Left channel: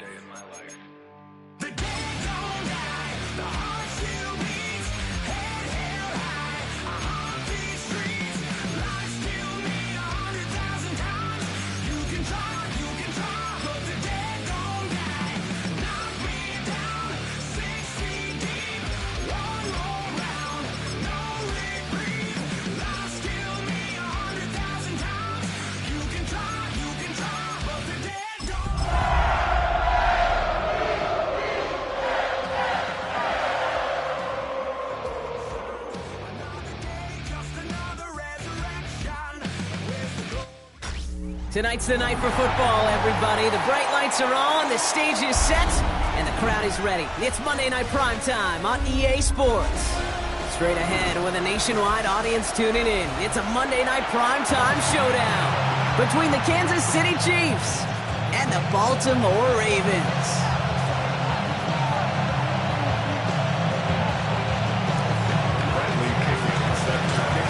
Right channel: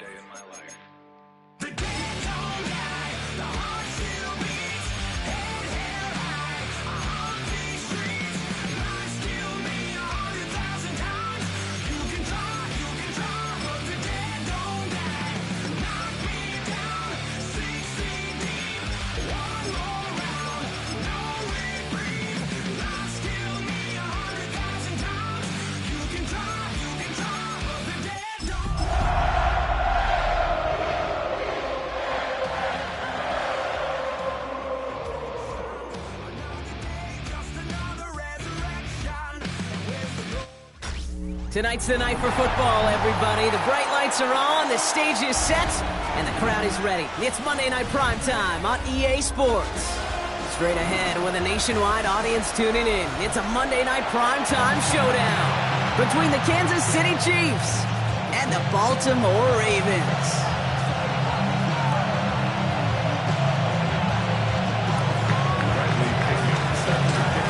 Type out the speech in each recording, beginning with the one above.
day in my life. The dead don't die, the heart still beats, head held high, I haunt these streets, lies kill me 100,000 times, you can try, but the dead don't die, knock me down, 6 feet deep, one more round, no reprieve, lies kill me 100,000 times, you can try, but the dead don't die. Tonight's the night for football, everybody. The bright lights are on, the stage is set, and the crowd is ready. It's Monday Night Primetime on EA Sports. Straight ahead with a nationwide audience tuning in, it's a Monday Night Primetime showdown between the Kansas City Chiefs and the Baltimore Ravens.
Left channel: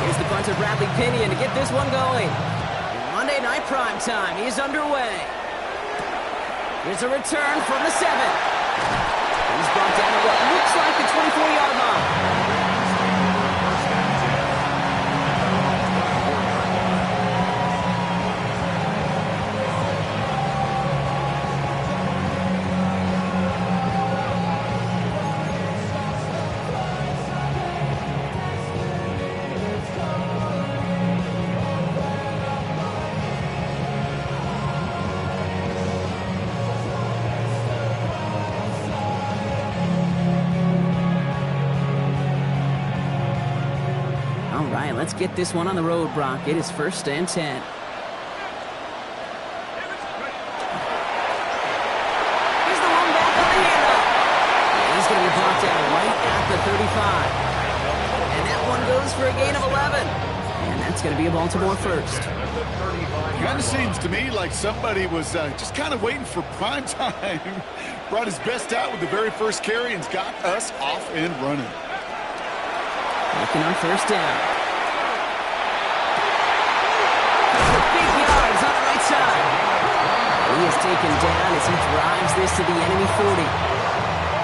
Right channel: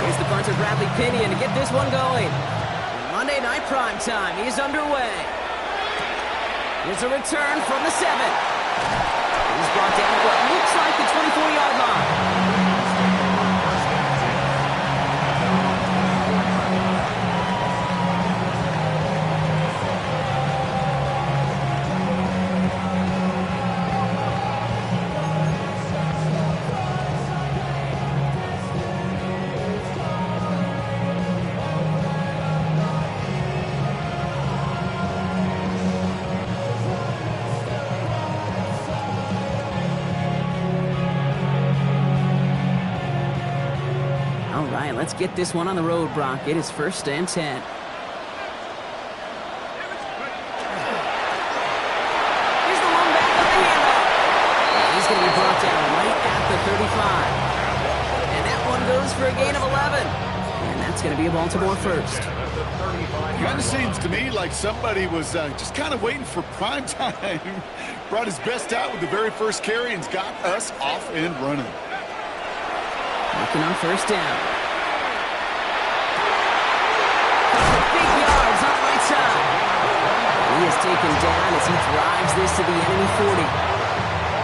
Here's the punter, Bradley Pinion, to get this one going. Monday Night Primetime is underway. Here's a return from the 7. He's brought down at what looks like the 24-yard line. All right, let's get this one on the road, Brock. It is 1st and 10. Here's the one back on the handoff. And he's going to be brought down right at the 35. And that one goes for a gain of 11. And that's going to be a Baltimore first. Kind of seems to me like somebody was just kind of waiting for prime time. Brought his best out with the very first carry and's got us off and running. Looking on 1st down. For big yards on the right side. And he is taken down as he drives this to the enemy 40.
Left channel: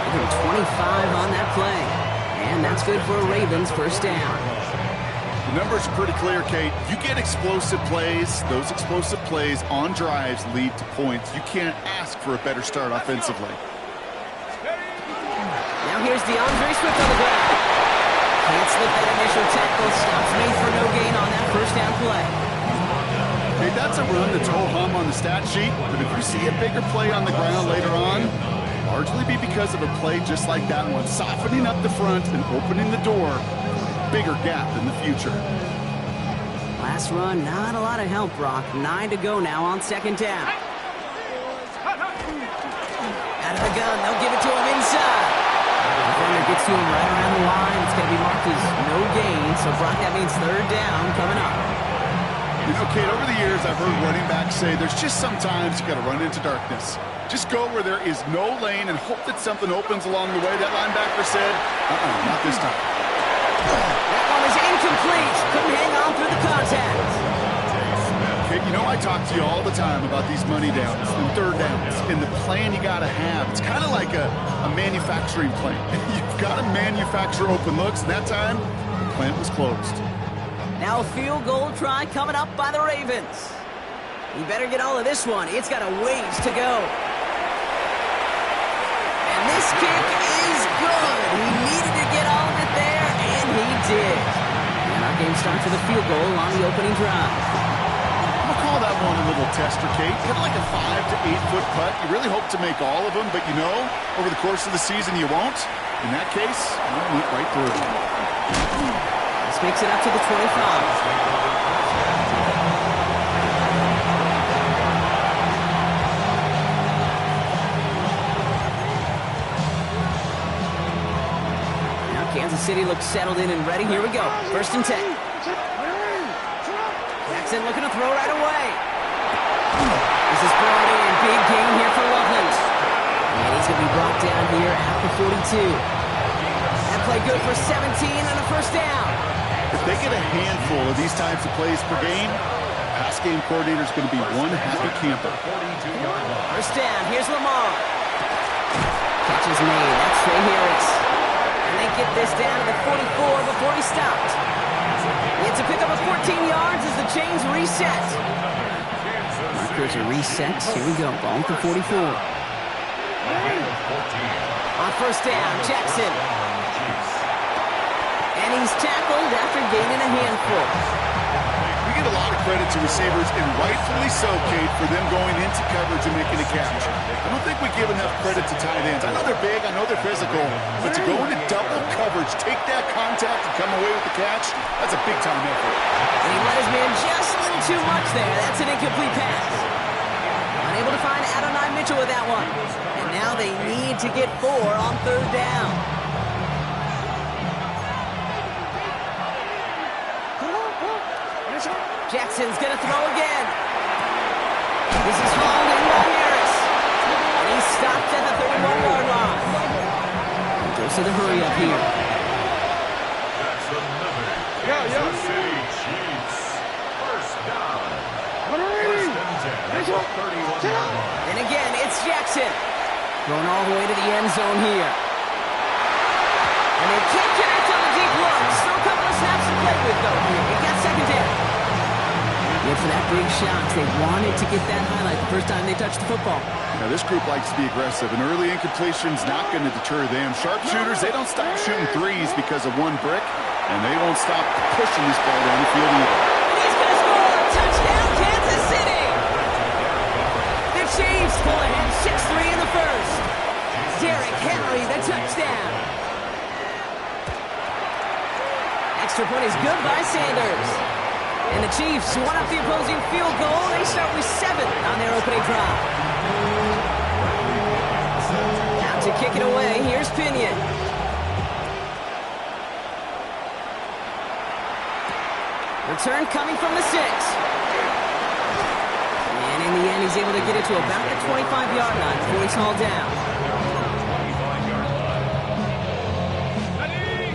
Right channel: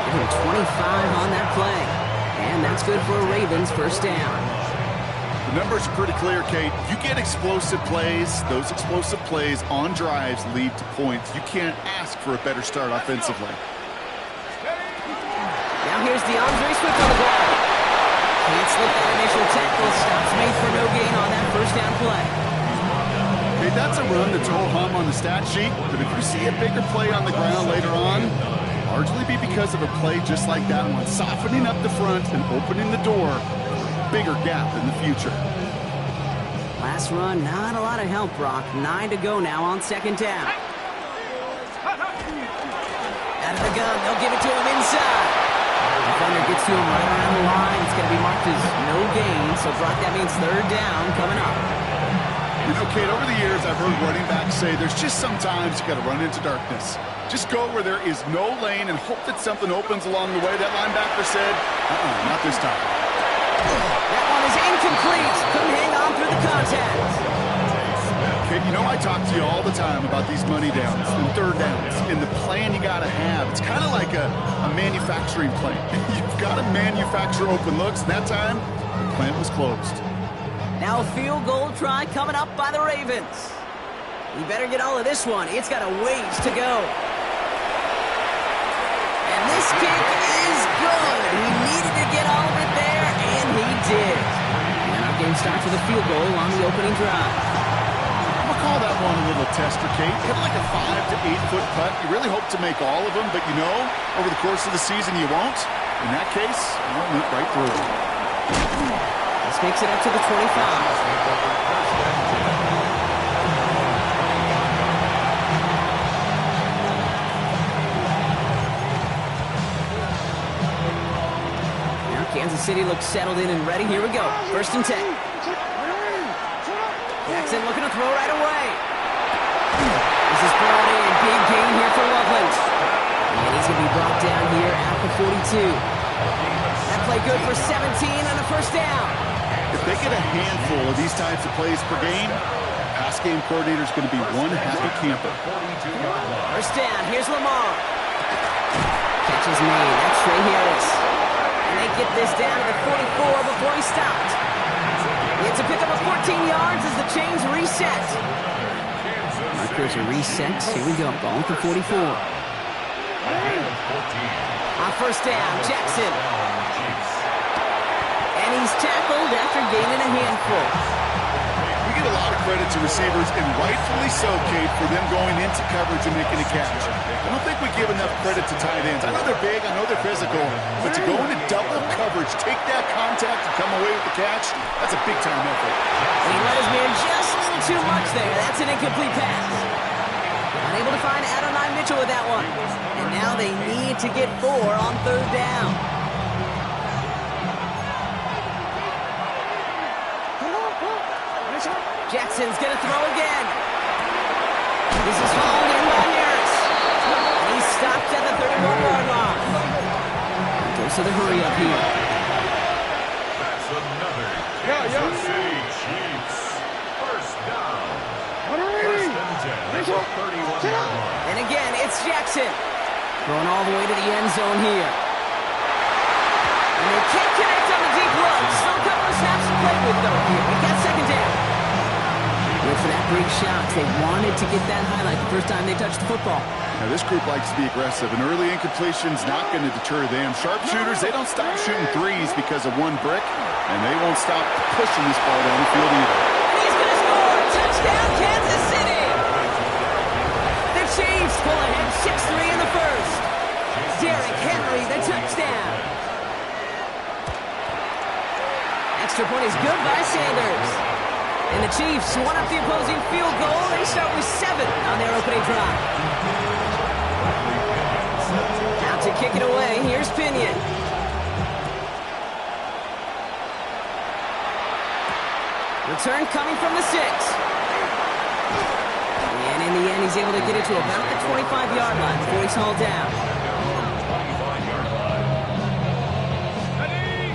Give him 25 on that play. And that's good for a Ravens 1st down. The numbers are pretty clear, Kate. You get explosive plays. Those explosive plays on drives lead to points. You can't ask for a better start offensively. Now here's DeAndre Swift on the ground. Can't slip that initial tackle. Stops made for no gain on that 1st down play. Okay, that's a run that's ho-hum on the stat sheet, but if you see a bigger play on the ground later on, largely be because of a play just like that one, softening up the front and opening the door for a bigger gap in the future. Last run, not a lot of help, Brock. 9 to go now on 2nd down. Out of the gun, they'll give it to him inside. Defender gets to him right around the line. It's going to be marked as no gain. So, Brock, that means 3rd down coming up. You know, Kate, over the years, I've heard running backs say there's just sometimes you got to run into darkness. Just go where there is no lane and hope that something opens along the way. That linebacker said, not this time. That one is incomplete. Couldn't hang on through the contact. Kate, you know I talk to you all the time about these money downs and 3rd downs and the plan you got to have. It's kind of like a manufacturing plant. You've got to manufacture open looks. That time, the plant was closed. Now a field goal try coming up by the Ravens. You better get all of this one. It's got a ways to go. And this kick is good. He needed to get all of it there, and he did. And our game starts with a field goal on the opening drive. I'm going to call that one a little tester, Kate. Kind of like a 5 to 8 foot putt. You really hope to make all of them, but you know, over the course of the season you won't. In that case, one went right through. This makes it up to the 25. Kansas City looks settled in and ready. Here we go. 1st and 10. Jackson looking to throw right away. This is brought in. Big gain here for Loveland. And he's going to be brought down here at the 42. That play good for 17 and a 1st down. If they get a handful of these types of plays per game, pass game coordinator is going to be one happy camper. 1st down. Here's Lamar. Catch is made. That's Trey Harris. And they get this down to the 44 before he stopped. It's a pickup of 14 yards as the chains reset. Markers are reset. Here we go. Ball at the 44. On first down, Jackson. And he's tackled after gaining a handful. We get a lot of credit to receivers, and rightfully so, Kate, for them going into coverage and making a catch. I don't think we give enough credit to tight ends. I know they're big, I know they're physical, but to go into double coverage, take that contact, and come away with the catch, that's a big-time effort. And he let his man just a little too much there. That's an incomplete pass. Unable to find Adonai Mitchell with that one. And now they need to get 4 on third down. Jackson's going to throw again. This is hauled in by Harris. And he stopped at the 31-yard line. And goes to the hurry up here. That's another Kansas City Chiefs first down. First and 10 at the 31-yard line. And again, it's Jackson. Going all the way to the end zone here. And they can't connect on the deep look. Still a couple of snaps to play with, though, here. They got second down. Went for that big shot. They wanted to get that highlight the first time they touched the football. Now, this group likes to be aggressive, and early incompletion's not going to deter them. Sharpshooters, they don't stop shooting threes because of one brick, and they won't stop pushing this ball down the field either. And he's going to score! Touchdown, Kansas City! The Chiefs pull ahead 6-3 in the first. Derrick Henry, the touchdown. Extra point is good by Sanders. And the Chiefs one up the opposing field goal. They start with 7 on their opening drive. Out to kick it away. Here's Pinion. Return coming from the 6. And in the end, he's able to get it to about the 25-yard line before he's hauled down.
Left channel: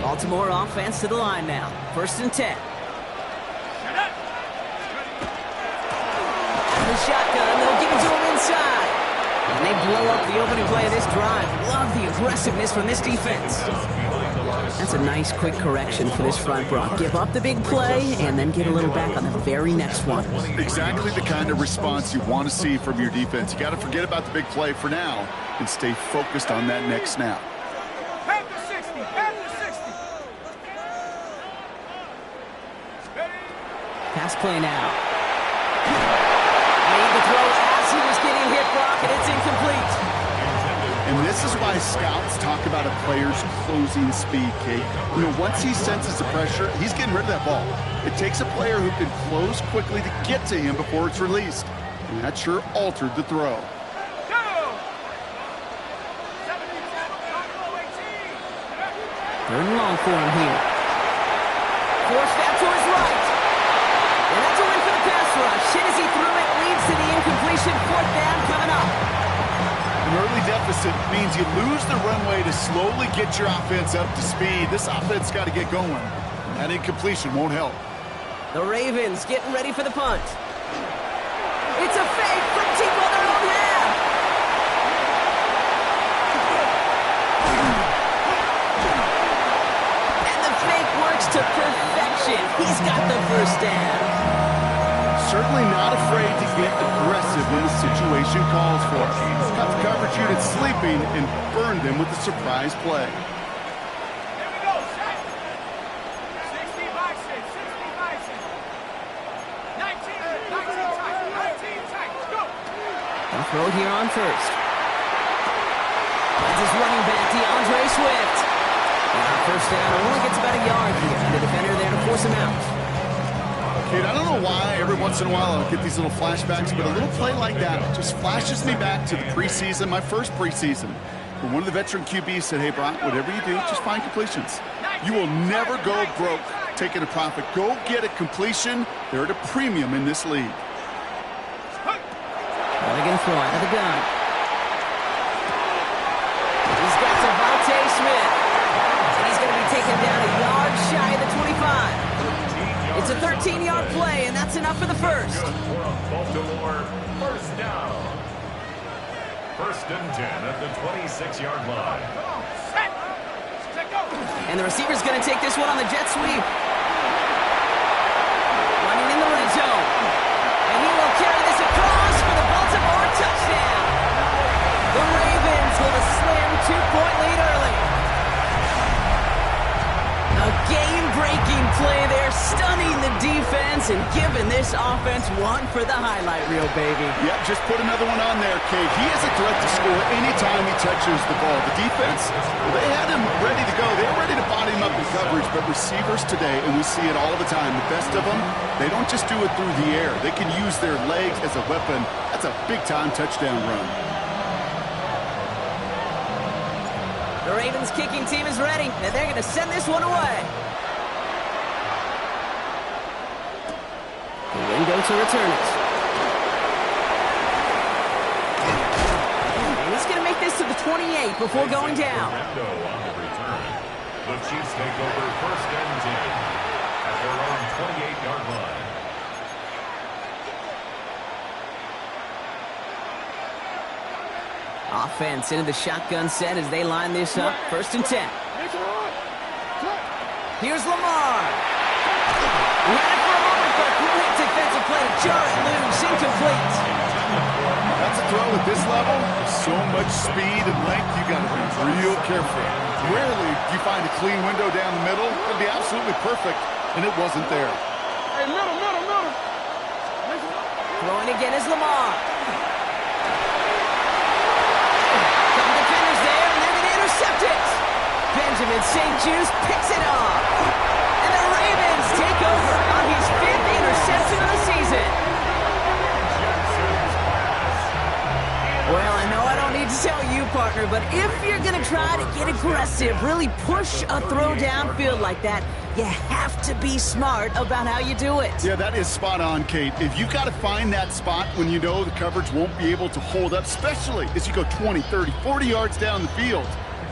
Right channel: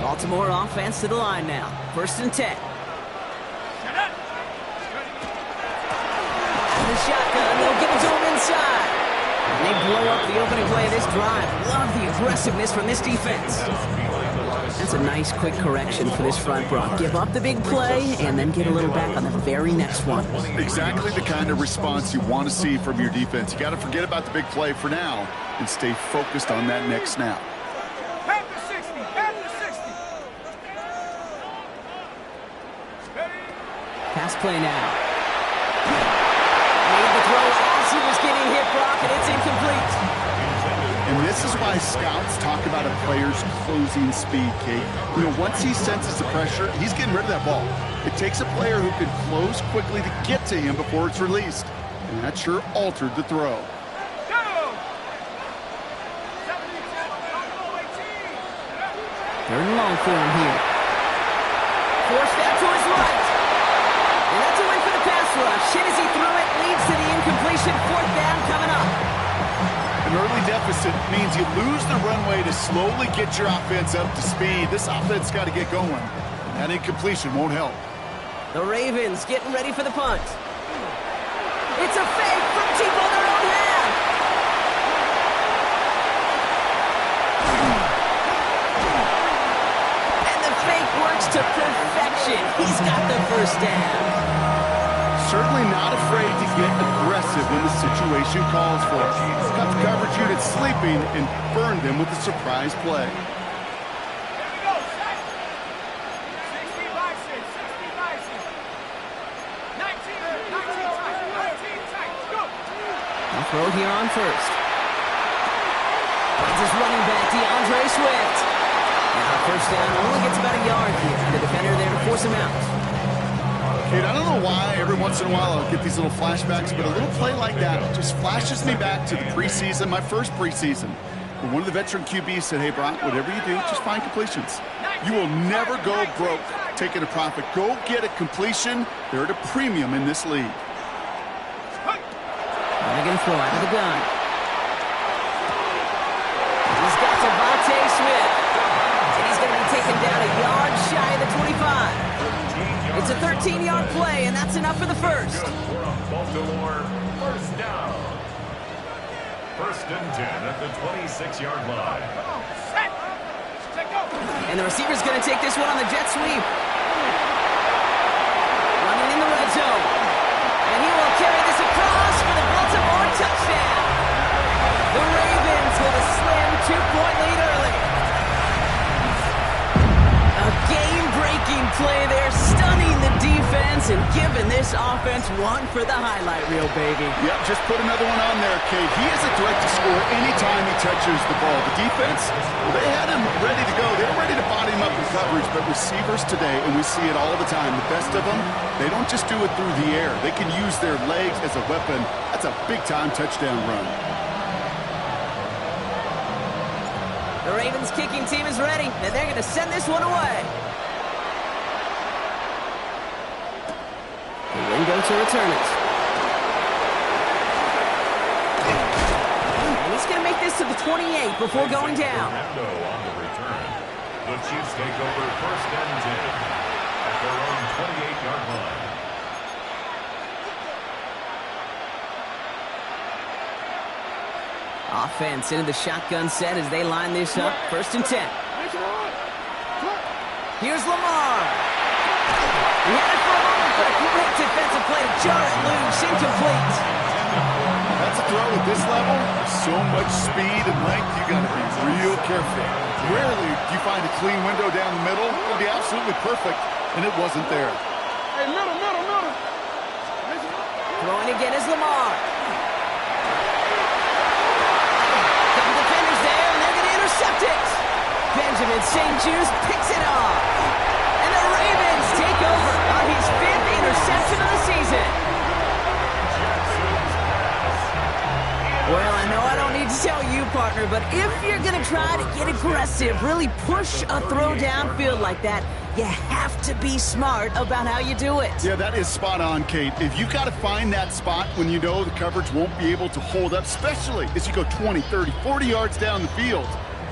Baltimore offense to the line now. First and 10. The shotgun, they'll give it to him inside. And they blow up the opening play of this drive. Love the aggressiveness from this defense. That's a nice quick correction for this front, Brock. Give up the big play and then get a little back on the very next one. Exactly the kind of response you want to see from your defense. You got to forget about the big play for now and stay focused on that next snap. Half the 60, half the 60. Pass play now. Made the throw as he was getting hit, Brock, and it's incomplete. And this is why scouts talk about a player's closing speed, Kate. You know, once he senses the pressure, he's getting rid of that ball. It takes a player who can close quickly to get to him before it's released. And that sure altered the throw. Third and long for him here. Forced out to his right. And that's a win for the pass rush. Hit as he threw it, leads to the incompletion. Fourth down coming up. An early deficit means you lose the runway to slowly get your offense up to speed. This offense got to get going. That incompletion won't help. The Ravens getting ready for the punt. It's a fake from deep on their own half. And the fake works to perfection. He's got the first down. Certainly not afraid to get aggressive when the situation calls for it. Cut the coverage unit sleeping and burned them with a surprise play. Here we go, set. 60 by 6, 60 by 6. 19 tight, go. They'll throw it here on first. Finds his running back, DeAndre Swift. And our first down only gets about a yard here. The defender there to force him out. Kate, I don't know why every once in a while I'll get these little flashbacks, but a little play like that just flashes me back to the preseason, my first preseason, where one of the veteran QBs said, hey, Brock, whatever you do, just find completions. You will never go broke taking a profit. Go get a completion. They're at a premium in this league. Now they're going to throw out of the gun. He's got Devontae Smith. And he's going to be taken down a yard shy of the 25. It's a 13-yard play, and that's enough for the first. For a Baltimore first down. First and 10 at the 26-yard line. And the receiver's going to take this one on the jet sweep. Running in the red zone. And he will carry this across for the Baltimore touchdown. The Ravens with a slim 2-point lead early. A game-breaking play there, stunning the defense and giving this offense one for the highlight reel, baby. Yep, just put another one on there, Kate. He is a threat to score anytime he touches the ball. The defense, well, they had him ready to go. They were ready to body him up in coverage, but receivers today, and we see it all the time, the best of them, they don't just do it through the air. They can use their legs as a weapon. That's a big-time touchdown run. The Ravens kicking team is ready, and they're going to send this one away. The window to return it. And he's going to make this to the 28 before going down. Window on the return. The Chiefs take over first and 10 at their own 28-yard line. Offense into the shotgun set as they line this up. First and 10. Here's Lamar. He had it for a moment, but a great defensive play to jar it loose. Incomplete. That's a throw at this level. There's so much speed and length, you got to be real careful. Rarely do you find a clean window down the middle. It'll be absolutely perfect, and it wasn't there. Hey, middle. Throwing again is Lamar. Couple defenders there, and they're going to intercept it. Benjamin St. Juste picks it off. And the Ravens take over on his 5th interception of the season. Well, I know I don't need to tell you, partner, but if you're going to try to get aggressive, really push a throw downfield like that, you have to be smart about how you do it. Yeah, that is spot on, Kate. If you've got to find that spot when you know the coverage won't be able to hold up, especially as you go 20, 30, 40 yards down the field.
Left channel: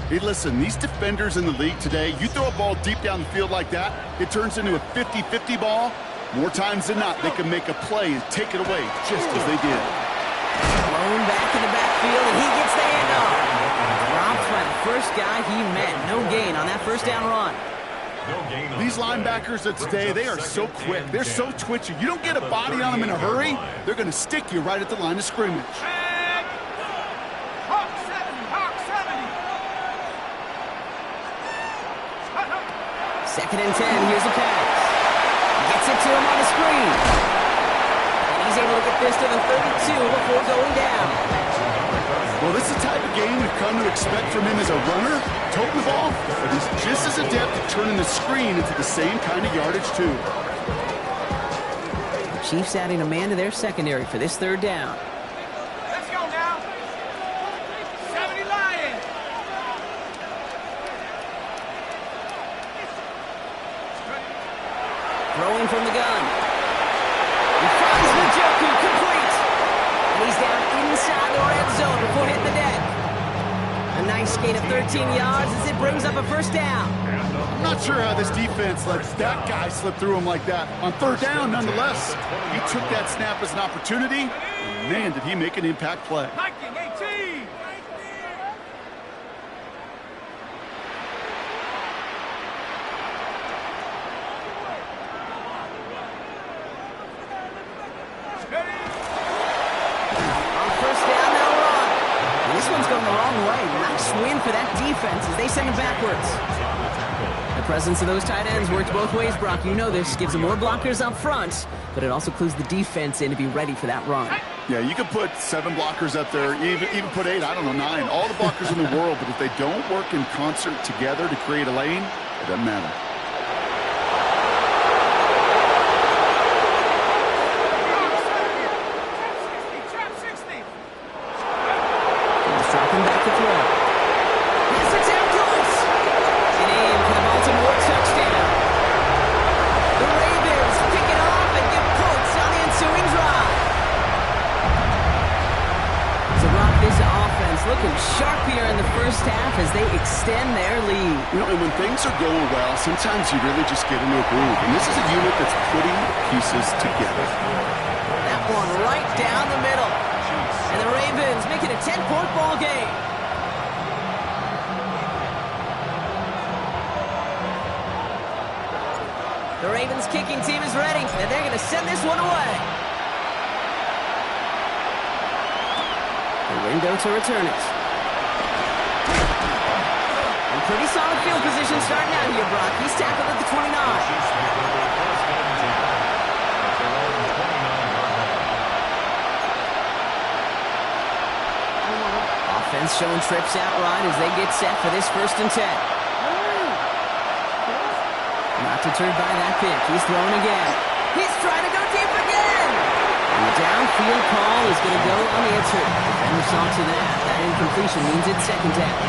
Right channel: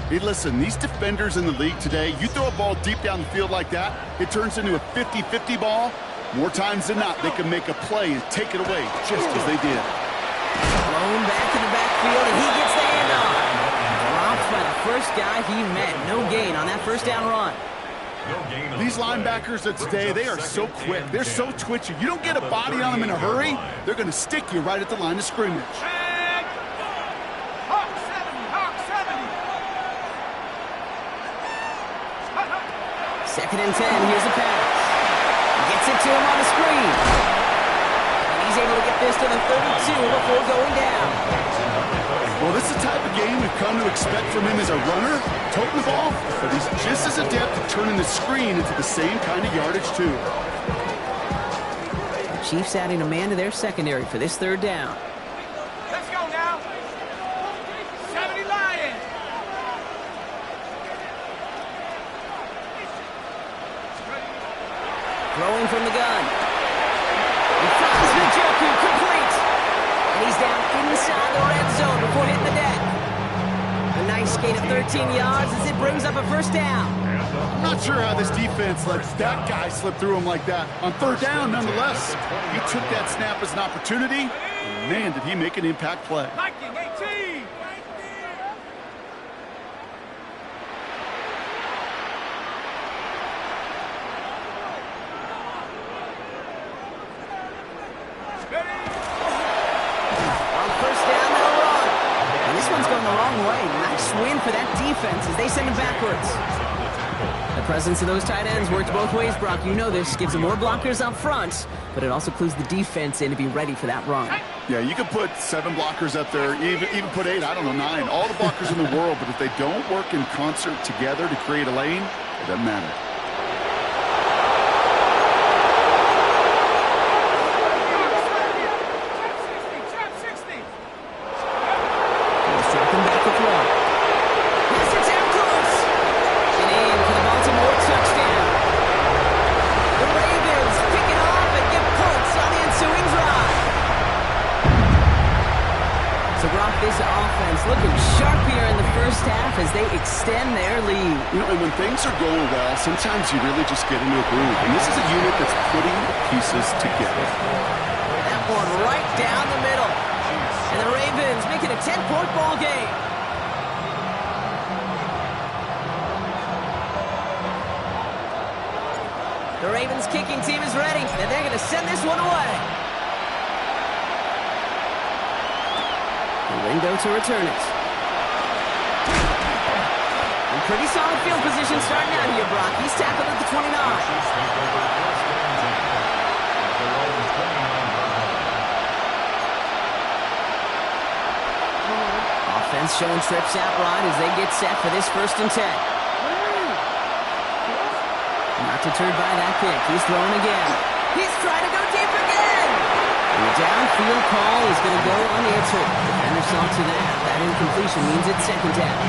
Hey, listen, these defenders in the league today, you throw a ball deep down the field like that, it turns into a 50-50 ball. More times than not, they can make a play and take it away just as they did. Blown back in the backfield, and he gets the handoff. Dropped by the first guy he met. No gain on that first down run. These linebackers of today, they are so quick. They're so twitchy. You don't get a body on them in a hurry, they're going to stick you right at the line of scrimmage. Hawk 70. 2nd and 10, here's a pass. Gets it to him on the screen. He's able to get this to the 32 before going down. Well, this is the type of game we've come to expect from him as a runner, toting the ball, but he's just as adept at turning the screen into the same kind of yardage, too. The Chiefs adding a man to their secondary for this 3rd down. Let's go now. 70 Lions. Throwing from the gun. He finds Njoku complete. And he's down inside the red zone before hitting the deck. A nice gain of 13 yards as it brings up a first down. I'm not sure how this defense lets that guy slip through him like that. On 3rd down, nonetheless, he took that snap as an opportunity. And man, did he make an impact play. Viking 18. On 1st down, they'll run. And this one's going the wrong way. Nice win for that defense as they send him backwards. The presence of those tight ends works both ways, Brock. You know this. Gives them more blockers up front, but it also clues the defense in to be ready for that run. Yeah, you could put 7 blockers up there, even put 8, I don't know, 9. All the blockers in the world, but if they don't work in concert together to create a lane, it doesn't matter. Dropping back to throw. Yes, it's out close. And in for the Baltimore touchdown. The Ravens pick it off and get points on the ensuing drive. So, Brock, this offense looking sharp here in the first half as they extend their lead. You know, and when things are going well, sometimes you really just get into a groove. And this is a unit that's putting the pieces together. That one right down the middle. And the Ravens make it a 10-point ball game. The Ravens kicking team is ready, and they're going to send this one away. The window to return it. And pretty solid field position starting out here, Brock. He's tackled at the 29. Chiefs take over first and 10 at their own 29-yard line. Offense showing trips out right as they get set for this first and 10. Not deterred by that pick. He's throwing again. He's trying to go deep again. And the downfield call is going to go unanswered. Defender saw to that. That incompletion means it's second down.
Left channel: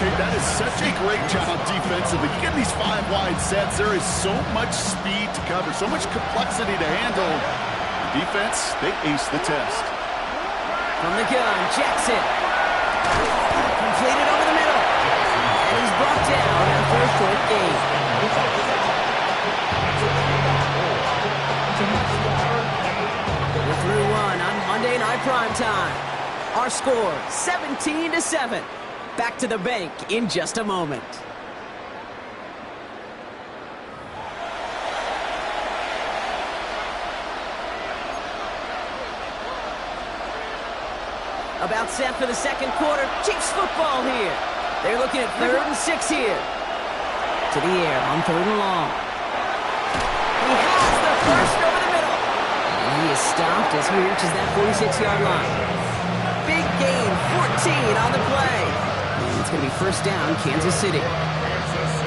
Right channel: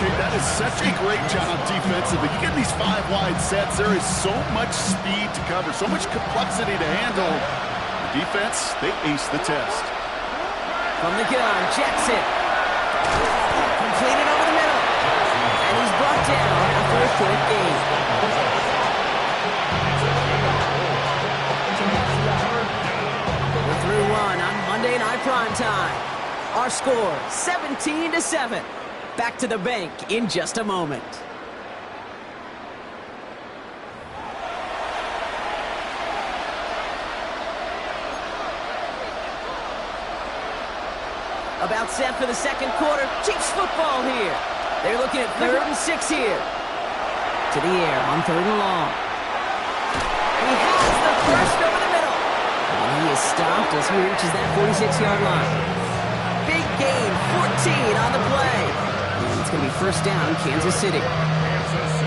Okay, that is such a great job defensively. You get these 5 wide sets. There is so much speed to cover, so much complexity to handle. The defense, they ace the test. From the gun, Jackson. Completed over the middle. And he's brought down after a short gain. We're through one on Monday Night Primetime. Our score, 17-7. Back to the bank in just a moment. About set for the second quarter. Chiefs football here. They're looking at 3rd and 6 here. To the air on 3rd and long. He has the first over the middle. And he is stopped as he reaches that 46-yard line. Big gain, 14 on the play. And it's going to be first down, Kansas City.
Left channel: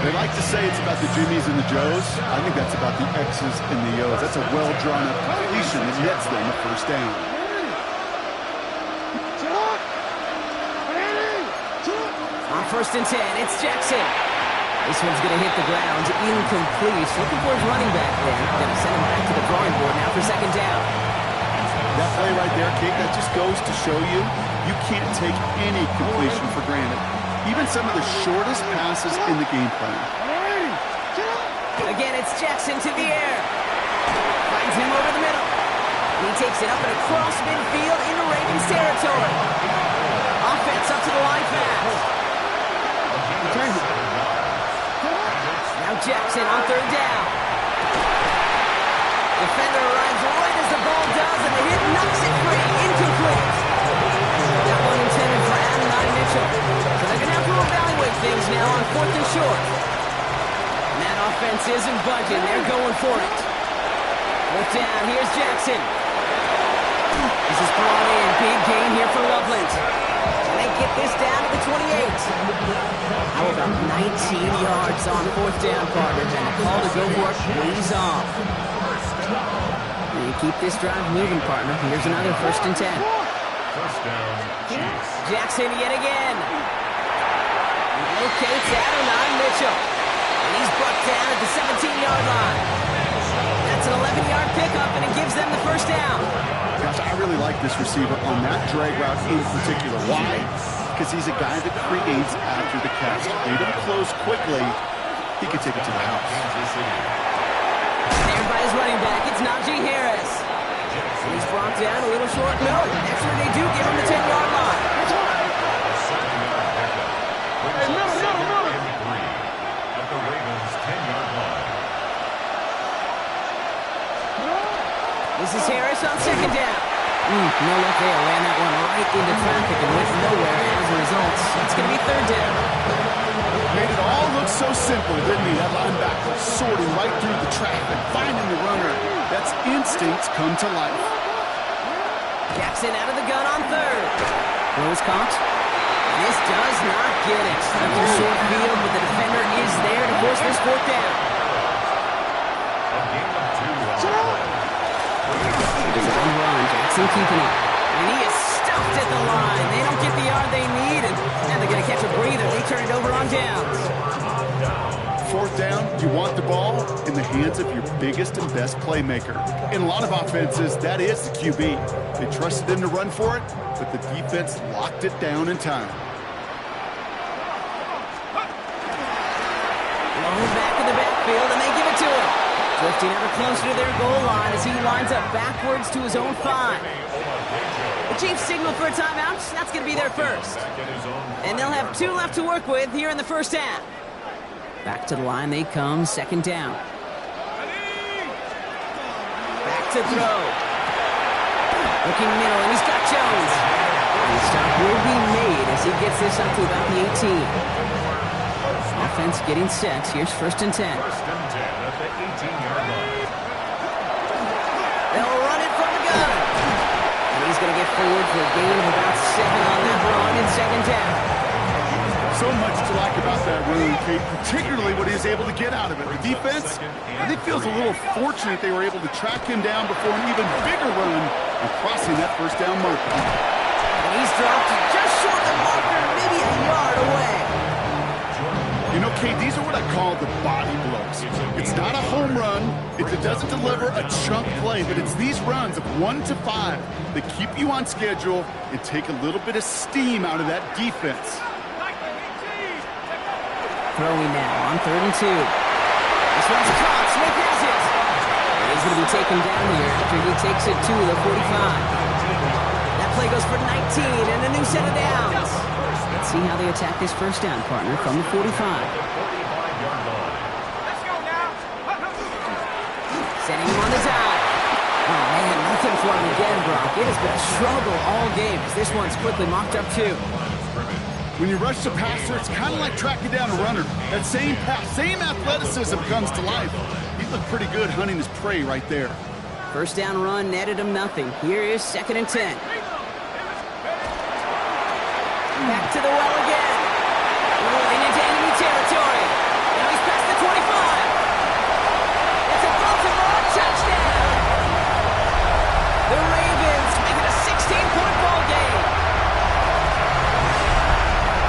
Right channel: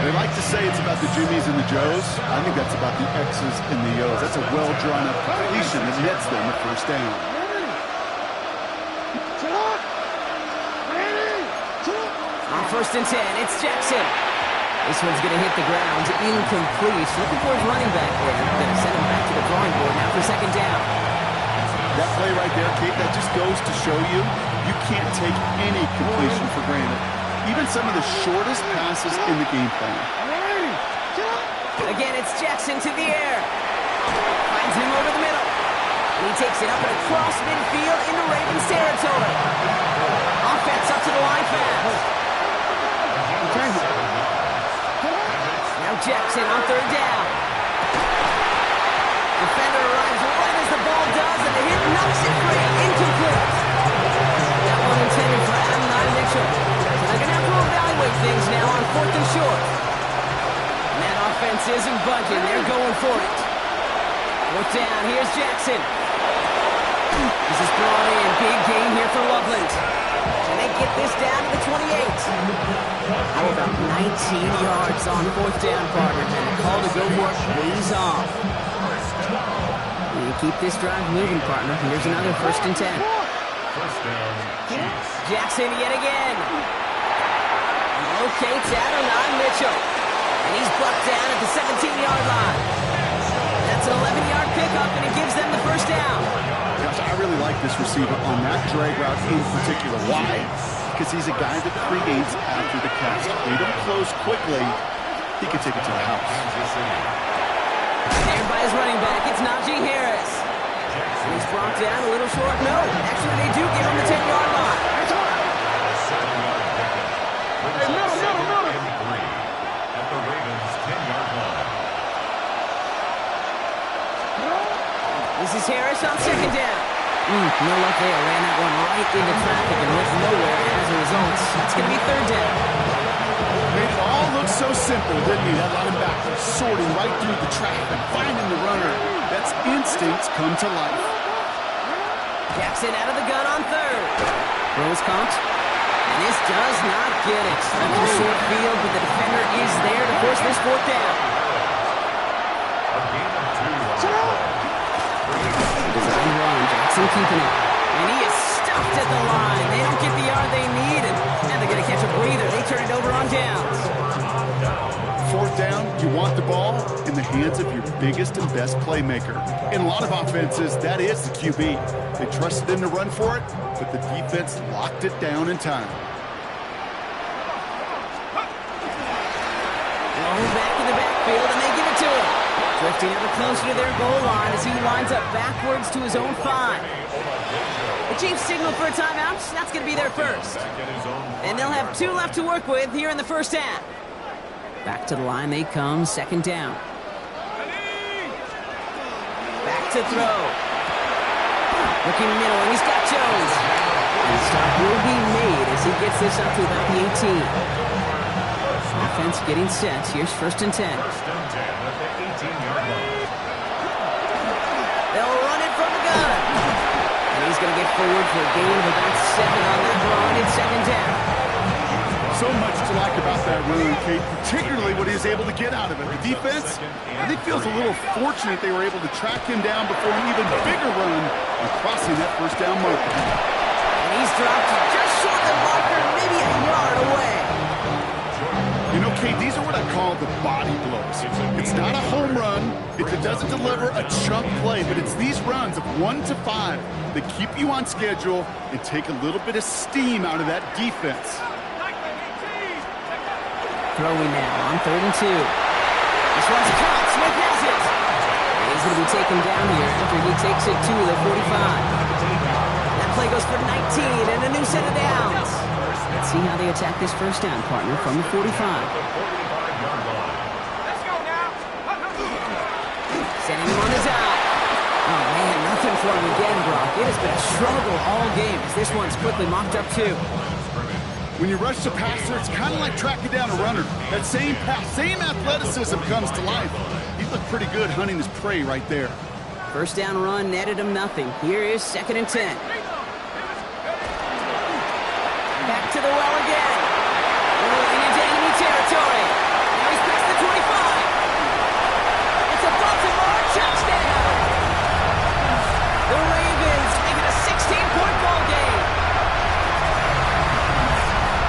They like to say it's about the Jimmies and the Joes. I think that's about the X's and the O's. That's a well-drawn-up completion that nets them a first down. On 1st and 10, it's Jackson. This one's going to hit the ground, incomplete. Looking for his running back there. Going to send him back to the drawing board now for second down. That play right there, Kate, that just goes to show you, you can't take any completion for granted. Even some of the shortest passes in the game plan. Again, it's Jackson to the air. Finds him over the middle. And he takes it up and across midfield into Ravens territory. Offense up to the line fast. Now Jackson on 3rd down. Defender arrives right as the ball does, and the hit knocks it free. Incomplete. That one intended for Anarchy Mitchell. So they're going to have to evaluate things now on 4th and short. And that offense isn't budging. They're going for it. 4th down. Here's Jackson. This is brought in. Big gain here for Loveland. And they get this down to the 28. How about 19 yards on 4th down, partner? And the call to go for it pays off. And you keep this drive moving, partner. Here's another 1st and 10. First down, Chiefs. Jackson yet again. He locates Anarchy Mitchell. And he's brought down at the 17-yard line. That's an 11-yard pickup, and it gives them the first down. Gosh, I really like this receiver on that drag route in particular. Why? Because he's a guy that creates after the catch. They don't close quickly. He can take it to the house. Snared by his running back, it's Najee Harris. And he's brought down a little short. No, actually they do give him the 10-yard line. A 7-yard pickup. Brings up second and 3 at the Ravens' 10-yard line. This is Harris on second down. No luck there. Ran that one right into traffic and went nowhere as a result. That's going to be 3rd down. Made it all look so simple, didn't he? That linebacker sorting right through the traffic, finding the runner. That's instincts come to life. Jackson out of the gun on 3rd. Throw is caught. And this does not get it. Left in short field, but the defender is there to force this 4th down. A gain of 2 on the play. Design run, Jackson keeping it. And he is stuffed at the line. They don't get the yard they need, and they're going to catch a breather. They turn it over on downs. 4th down, you want the ball in the hands of your biggest and best playmaker. In a lot of offenses, that is the QB. They trusted him to run for it, but the defense locked it down in time. Low back in the backfield, and they give it to him. Drifting ever closer to their goal line as he lines up backwards to his own 5. The Chiefs signal for a timeout. That's going to be their first. And they'll have 2 left to work with here in the first half. Back to the line they come, second down. Back to throw. Looking middle, and he's got Jones. And stop will be made as he gets this up to about the 18. Offense getting set. Here's first and 10. First and 10 at the 18-yard line. They'll run it from the gun. And he's going to get forward for a gain of about 7 on that run in second down. So much to like about that run, Kate, particularly what he was able to get out of it. The defense, I think, feels a little fortunate they were able to track him down before an even bigger run and crossing that first down marker. And he's dropped just short of the marker, maybe a yard away. You know, Kate, these are what I call the body blows. It's not a home run. It doesn't deliver a chunk play, but it's these runs of 1 to 5 that keep you on schedule and take a little bit of steam out of that defense. Throwing now on 3rd and 2. This one's caught. Smith has it. He's going to be taken down here after he takes it to the 45. That play goes for 19 and a new set of downs. Let's see how they attack this first down, partner, from the 45. Let's go now. Setting him on the dive. Oh, man, nothing for him again, Brock. It has been a struggle all game as this one's quickly mocked up, too. When you rush the passer, it's kind of like tracking down a runner. That same pass, same athleticism comes to life. He looked pretty good hunting his prey right there. First down run netted him nothing. Here is 2nd and 10. Back to the well again. Rolling into enemy territory. Now he's past the 25. It's a Baltimore touchdown. The Ravens make it a 16-point ball game.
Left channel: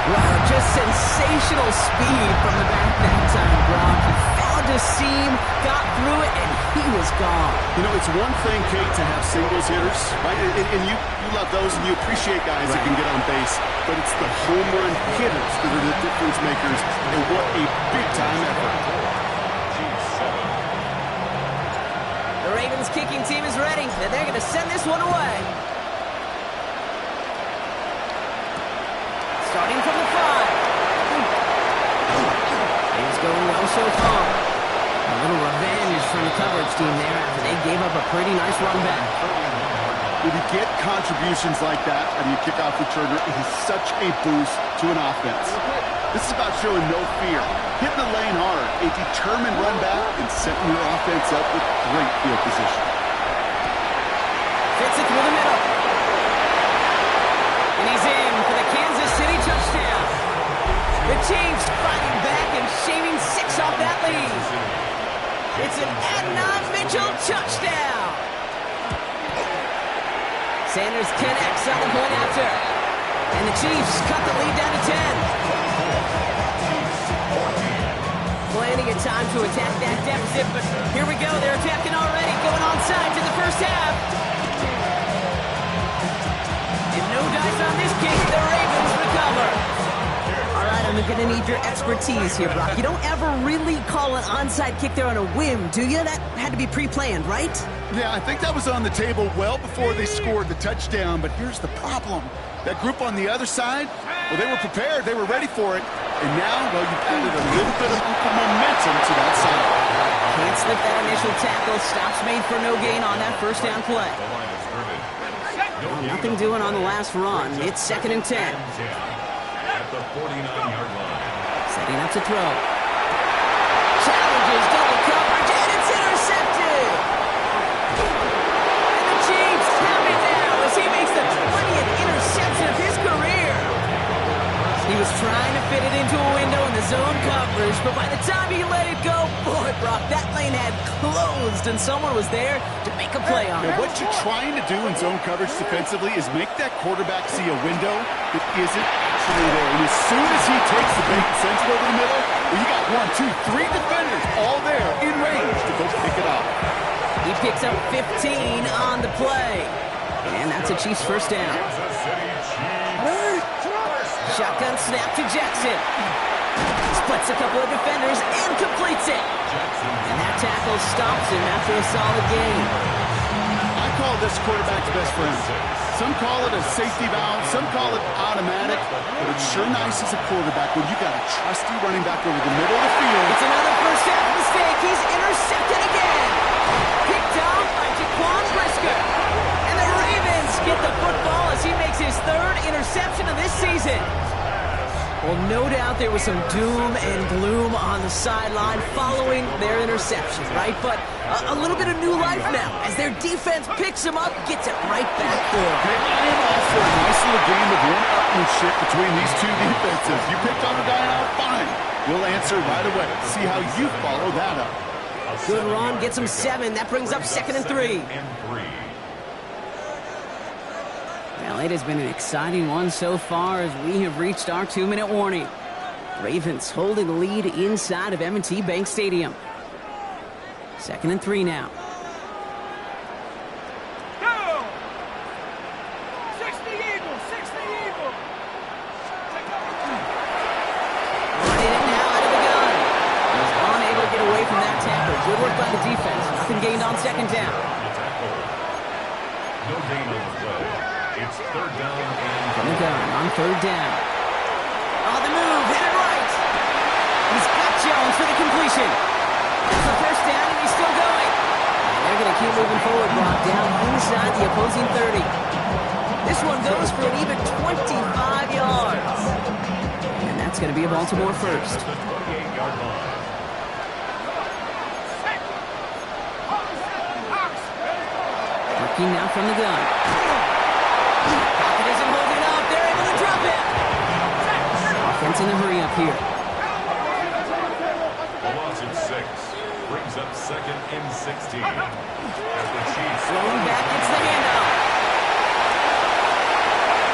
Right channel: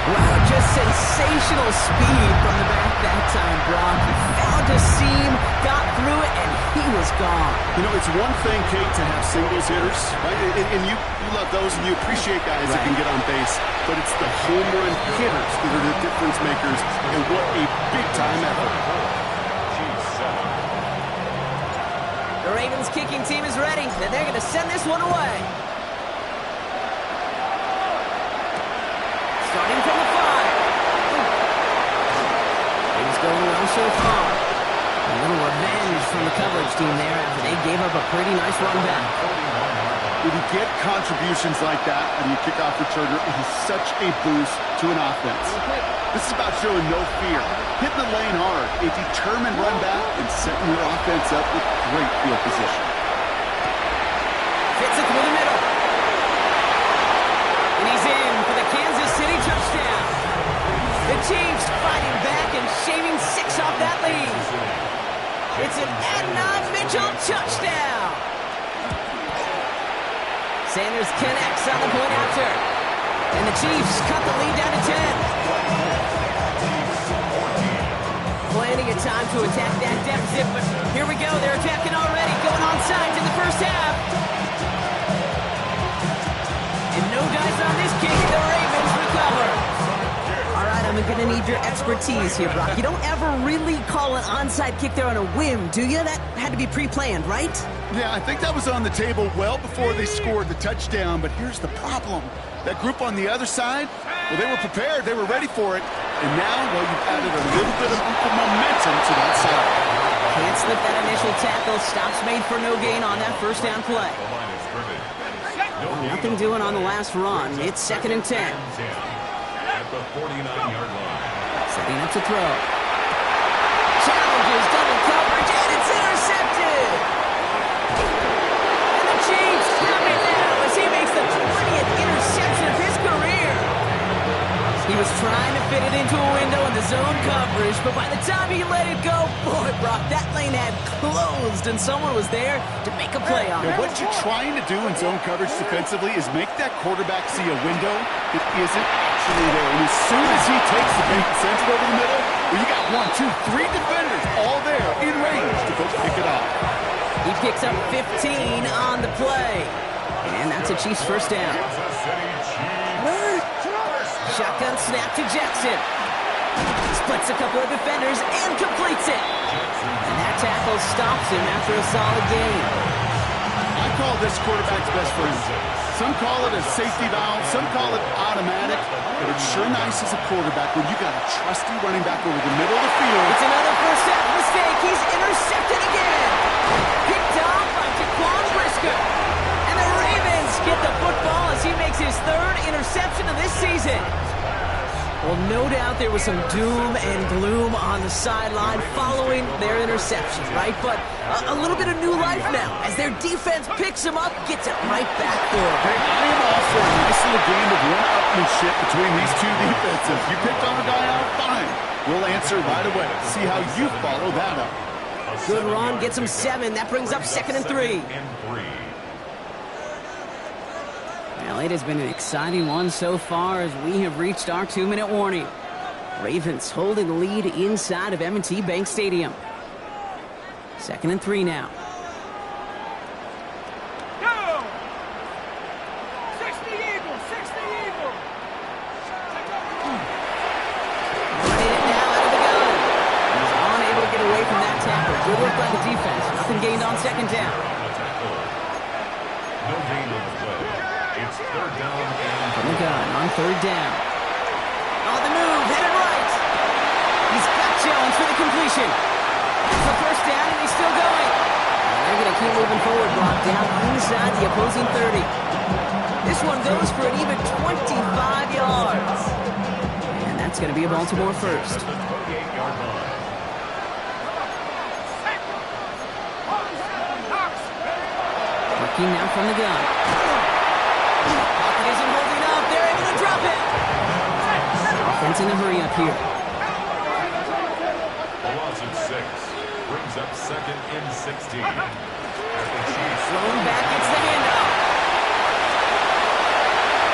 Wow, just sensational speed from the back that time, Brock. He found a seam, got through it, and he was gone. You know, it's one thing, Kate, to have singles hitters, right? And you love those, and you appreciate guys that can get on base. But it's the home run hitters that are the difference makers, and what a big-time effort. The Ravens kicking team is ready, and they're going to send this one away. Starting from the 5. Things going well so far. A little revenge from the coverage team there after they gave up a pretty nice run back. When you get contributions like that out of your kickoff returner, it is such a boost to an offense. This is about showing no fear, hitting the lane hard, a determined run back, and setting your offense up with great field position. Fits it through the middle. And he's in for the Kansas City touchdown. The Chiefs fighting back and shaving 6 off that lead. It's an Adnan Mitchell touchdown. Sanders connects on the point after. And the Chiefs cut the lead down to 10. Plenty of time to attack that deficit, but here we go. They're attacking already, going onside in the first half. And no dice on this kick. The Ravens recover. All right, I'm going to need your expertise here, Brock. You don't ever really call an onside kick there on a whim, do you? That had to be pre-planned, right? Yeah, I think that was on the table well before they scored the touchdown, but here's the problem. That group on the other side, well, they were prepared. They were ready for it. And now, well, you've added a little bit of momentum to that side. Can't slip that initial tackle. Stops made for no gain on that first down play. Well, nothing doing on the last run. It's 2nd and 10. At the 49-yard line. Setting up to throw. Challenges, double coverage, and it's intercepted. And the Chiefs have it now as he makes the 20th interception of his career. He was trying to fit it into a window in the zone coverage, but by the time he let it go, boy, Brock, that lane had closed, and someone was there to make a play on it. What you're trying to do in zone coverage defensively is make that quarterback see a window that isn't actually there. And as soon as he takes the bait and sends it over the middle, well, you got 1, 2, 3 defenders all there in range to go pick it up. He picks up 15 on the play. And that's a Chiefs first down. Shotgun snap to Jackson. He's Splits a couple of defenders and completes it. And that tackle stops him after a solid gain. I call this quarterback's best friend. Some call it a safety valve, some call it automatic, but it's sure nice as a quarterback when you got a trusty running back over the middle of the field. It's another first half mistake. He's intercepted again. Picked off by Jaquan Brisker. And the Ravens get the football as he makes his third interception of this season. Well, no doubt there was some doom and gloom on the sideline following their interception, right? But a little bit of new life now as their defense picks him up, gets it right back for him. Hey, I am all for a nice little game of one-upmanship between these two defenses. You picked on a guy out, fine. We'll answer right away. See how you follow that up. Good run, gets him 7. That brings up 2nd and 3. Well, it has been an exciting one so far as we have reached our 2-minute warning. Ravens holding the lead inside of M&T Bank Stadium. 2nd and 3 now. Go! 60 Eagles, 60 Eagles. Running it now out of the gun. He's unable to get away from that tackle. Good work by the defense. Nothing gained on 2nd down. No gain on the play. It's 3rd down and From the gun on 3rd down. On the move, headed right. He's got Jones for the completion. That's the 1st down, and he's still going. And they're going to keep moving forward, brought down inside the opposing 30. This one goes for an even 25 yards. And that's going to be a Baltimore first. at the 28-yard line. Working now from the gun. Pocket isn't holding up. They're able to drop it. Offense in a hurry up here. A loss of 6 brings up 2nd and 16. As the Chiefs Thrown back, gets the handoff.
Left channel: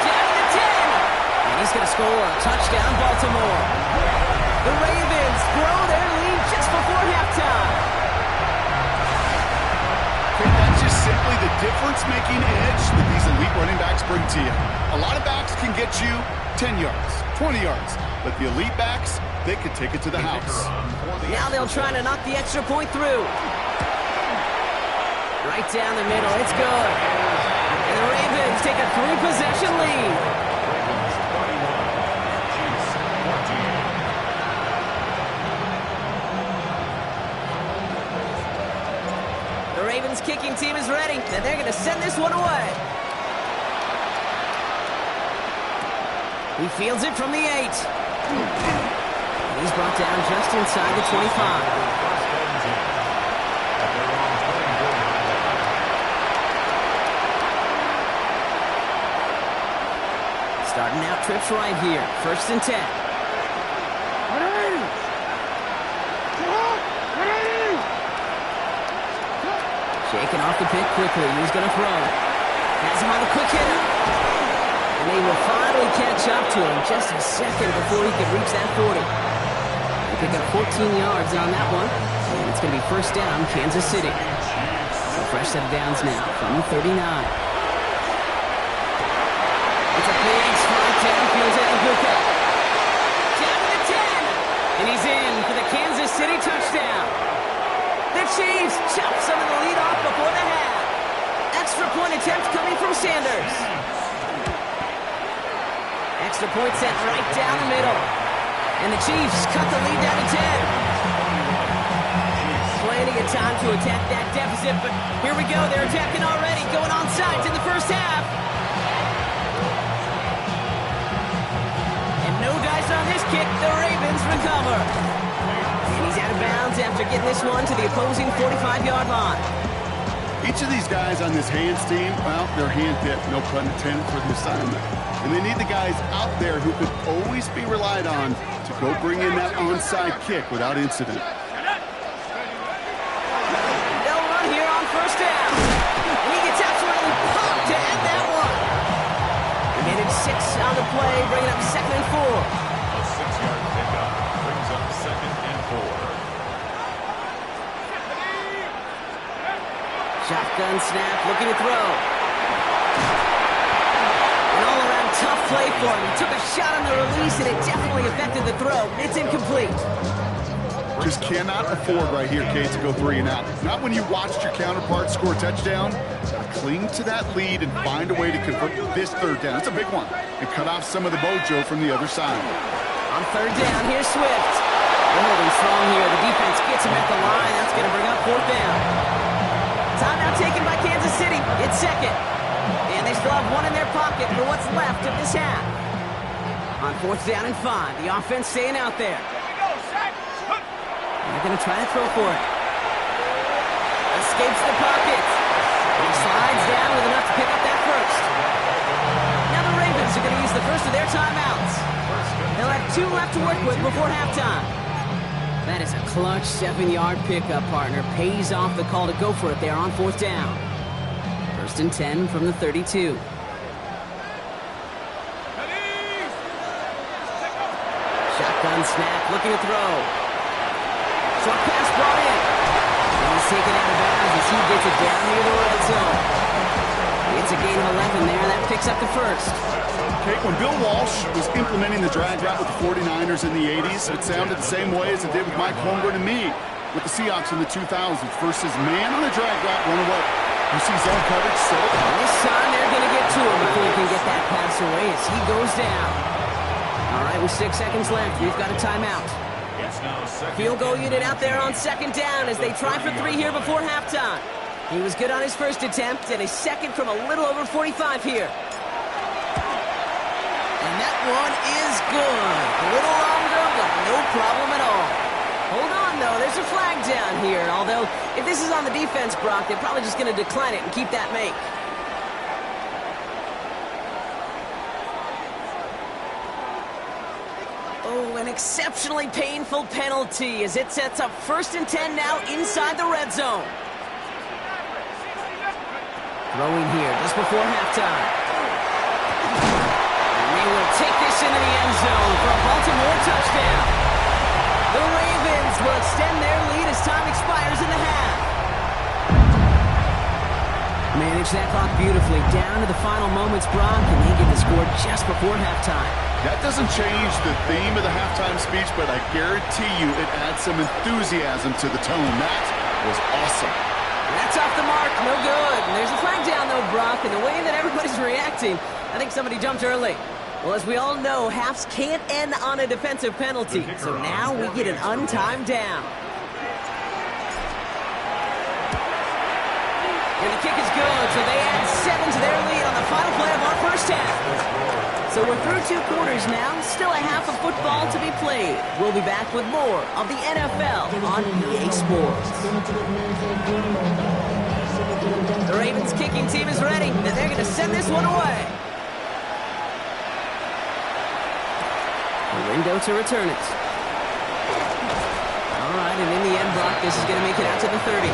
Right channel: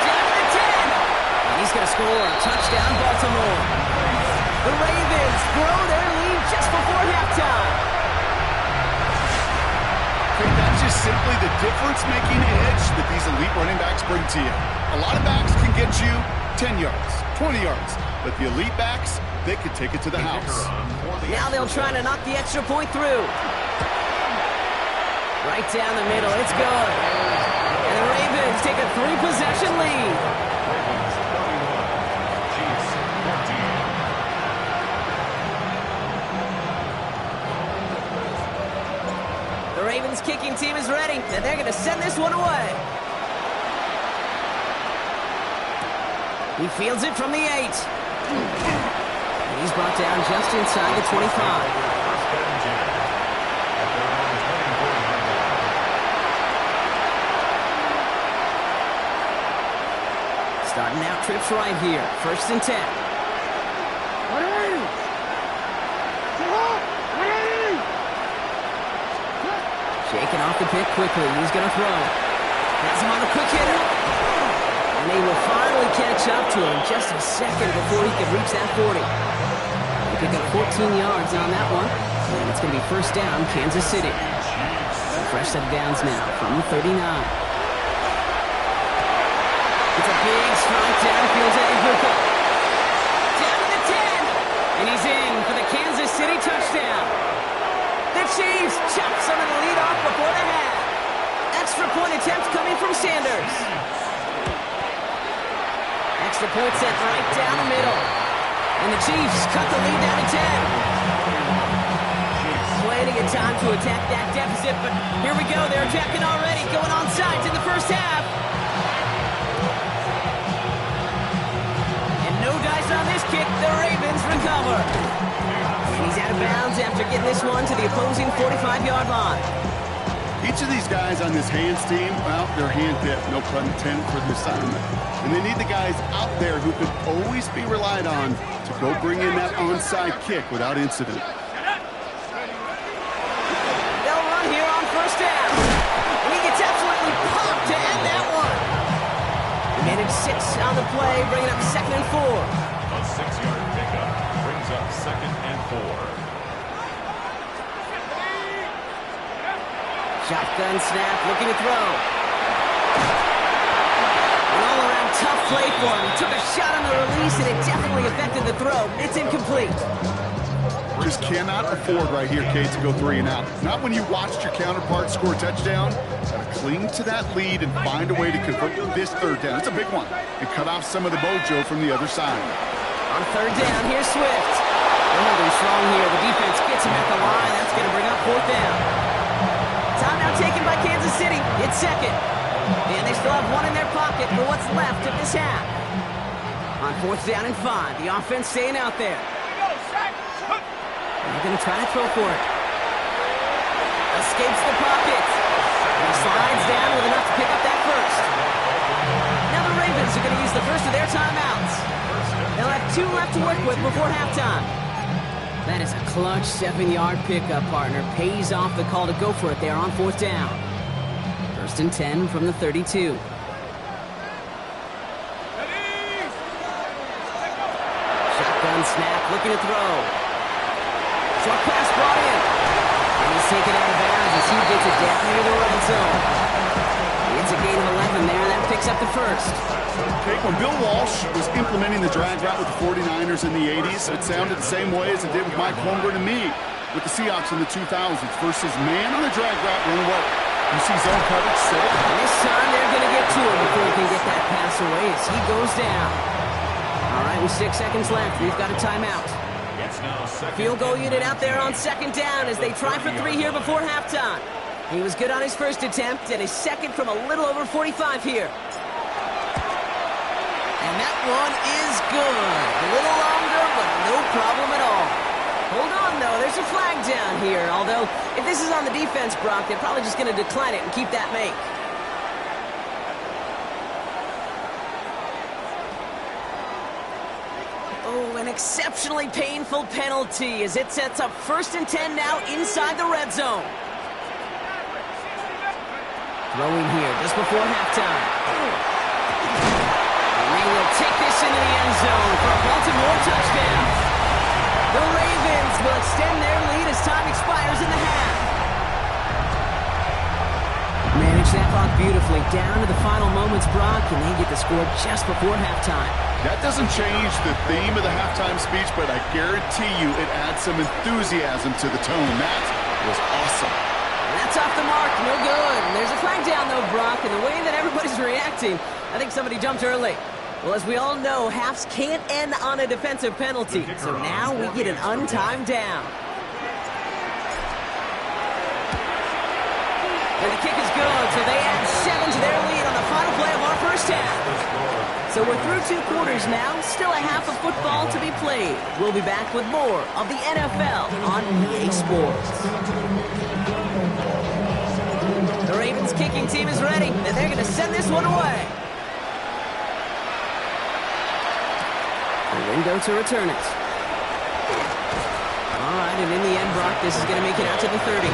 Down to the 10. And he's going to score a touchdown, Baltimore. The Ravens throw their lead just before halftime. Okay, that's just simply the difference-making edge that these elite running backs bring to you. A lot of backs can get you 10 yards, 20 yards, but the elite backs, they could take it to the house. Now they'll try to knock the extra point through. Right down the middle, it's good. And the Ravens take a 3-possession lead. Ravens 31, Chiefs 14. The Ravens kicking team is ready, and they're going to send this one away. He fields it from the 8. And he's brought down just inside the 25. First and 10 at their own 24-yard line. Starting out trips right here. 1st and 10. Shaking off the pick quickly. He's going to throw. Has him on the quick hitter. And they will finally catch up to him just a second before he can reach that 40. They pick up 14 yards on that one. And it's going to be 1st down, Kansas City. A fresh set of downs now from the 39. It's a big strike downfield to Nguka. Down to the 10. And he's in for the Kansas City touchdown. The Chiefs chop some of the lead off before the half. Extra point attempt coming from Sanders. Extra point sent right down the middle. And the Chiefs cut the lead down to 10. Plenty of time to attack that deficit, but here we go. They're attacking already, going on sides in the 1st half. And no dice on this kick. The Ravens recover. And he's out of bounds after getting this one to the opposing 45-yard line. Each of these guys on this hands team, well, they're hand-picked, no pun intended, for the assignment. And they need the guys out there who could always be relied on to go bring in that onside kick without incident. They'll run here on 1st down. And he gets absolutely pumped to end that one. They managed 6 on the play, bringing up 2nd and 4. A 6-yard pickup brings up 2nd and 4. Shotgun snap, looking to throw. An all-around tough play for him. He took a shot on the release, and it definitely affected the throw. It's incomplete. Just cannot afford right here, Kate, to go 3 and out. Not when you watched your counterpart score a touchdown. Got to cling to that lead and find a way to convert this 3rd down. It's a big one. And cut off some of the mojo from the other side. On 3rd down, here's Swift. They're holding strong here. The defense gets him at the line. That's going to bring up 4th down. Timeout taken by Kansas City. It's 2nd. And they still have 1 in their pocket for what's left of this half. On 4th down and 5, the offense staying out there. They're going to try to throw for it. Escapes the pocket. And he slides down with enough to pick up that first. Now the Ravens are going to use the first of their timeouts. They'll have 2 left to work with before halftime. That is a clutch 7-yard pickup, partner. Pays off the call to go for it there on 4th down. 1st and 10 from the 32. Shotgun snap, looking to throw. Short pass brought in. And he's taken out of bounds as he gets it down near the red zone. It's a gain of 11 there. That picks up the first. Okay, when Bill Walsh was implementing the drag route with the 49ers in the 80s, it sounded the same way as it did with Mike Holmgren and me with the Seahawks in the 2000s versus man on a drag route, run away. You see zone coverage, set it. And this time they're going to get to him before he can get that pass away as he goes down. All right, with 6 seconds left, we've got a timeout. Field goal unit out there on 2nd down as they try for 3 here before halftime. He was good on his first attempt and his second from a little over 45 here. And that one is good. A little longer, but no problem at all. Hold on, though. There's a flag down here. Although, if this is on the defense, Brock, they're probably just going to decline it and keep that make. Oh, an exceptionally painful penalty as it sets up 1st and 10 now inside the red zone. Throwing here just before halftime. And they will take this into the end zone for a Baltimore touchdown. The Ravens will extend their lead as time expires in the half. Manage that clock beautifully down to the final moments, Brock, and they get the score just before halftime. That doesn't change the theme of the halftime speech, but I guarantee you it adds some enthusiasm to the tone. That was awesome. And that's off the mark, no good. And there's a flag down, though, Brock, and the way that everybody's reacting, I think somebody jumped early. Well, as we all know, halves can't end on a defensive penalty, so now we get an untimed down. And the kick is good, so they add 7 to their lead on the final play of our first half. So we're through 2 quarters now, still a half of football to be played. We'll be back with more of the NFL on EA Sports. The Ravens kicking team is ready, and they're going to send this one away. The window to return it. All right, and in the end, Brock, this is going to make it out to the 30.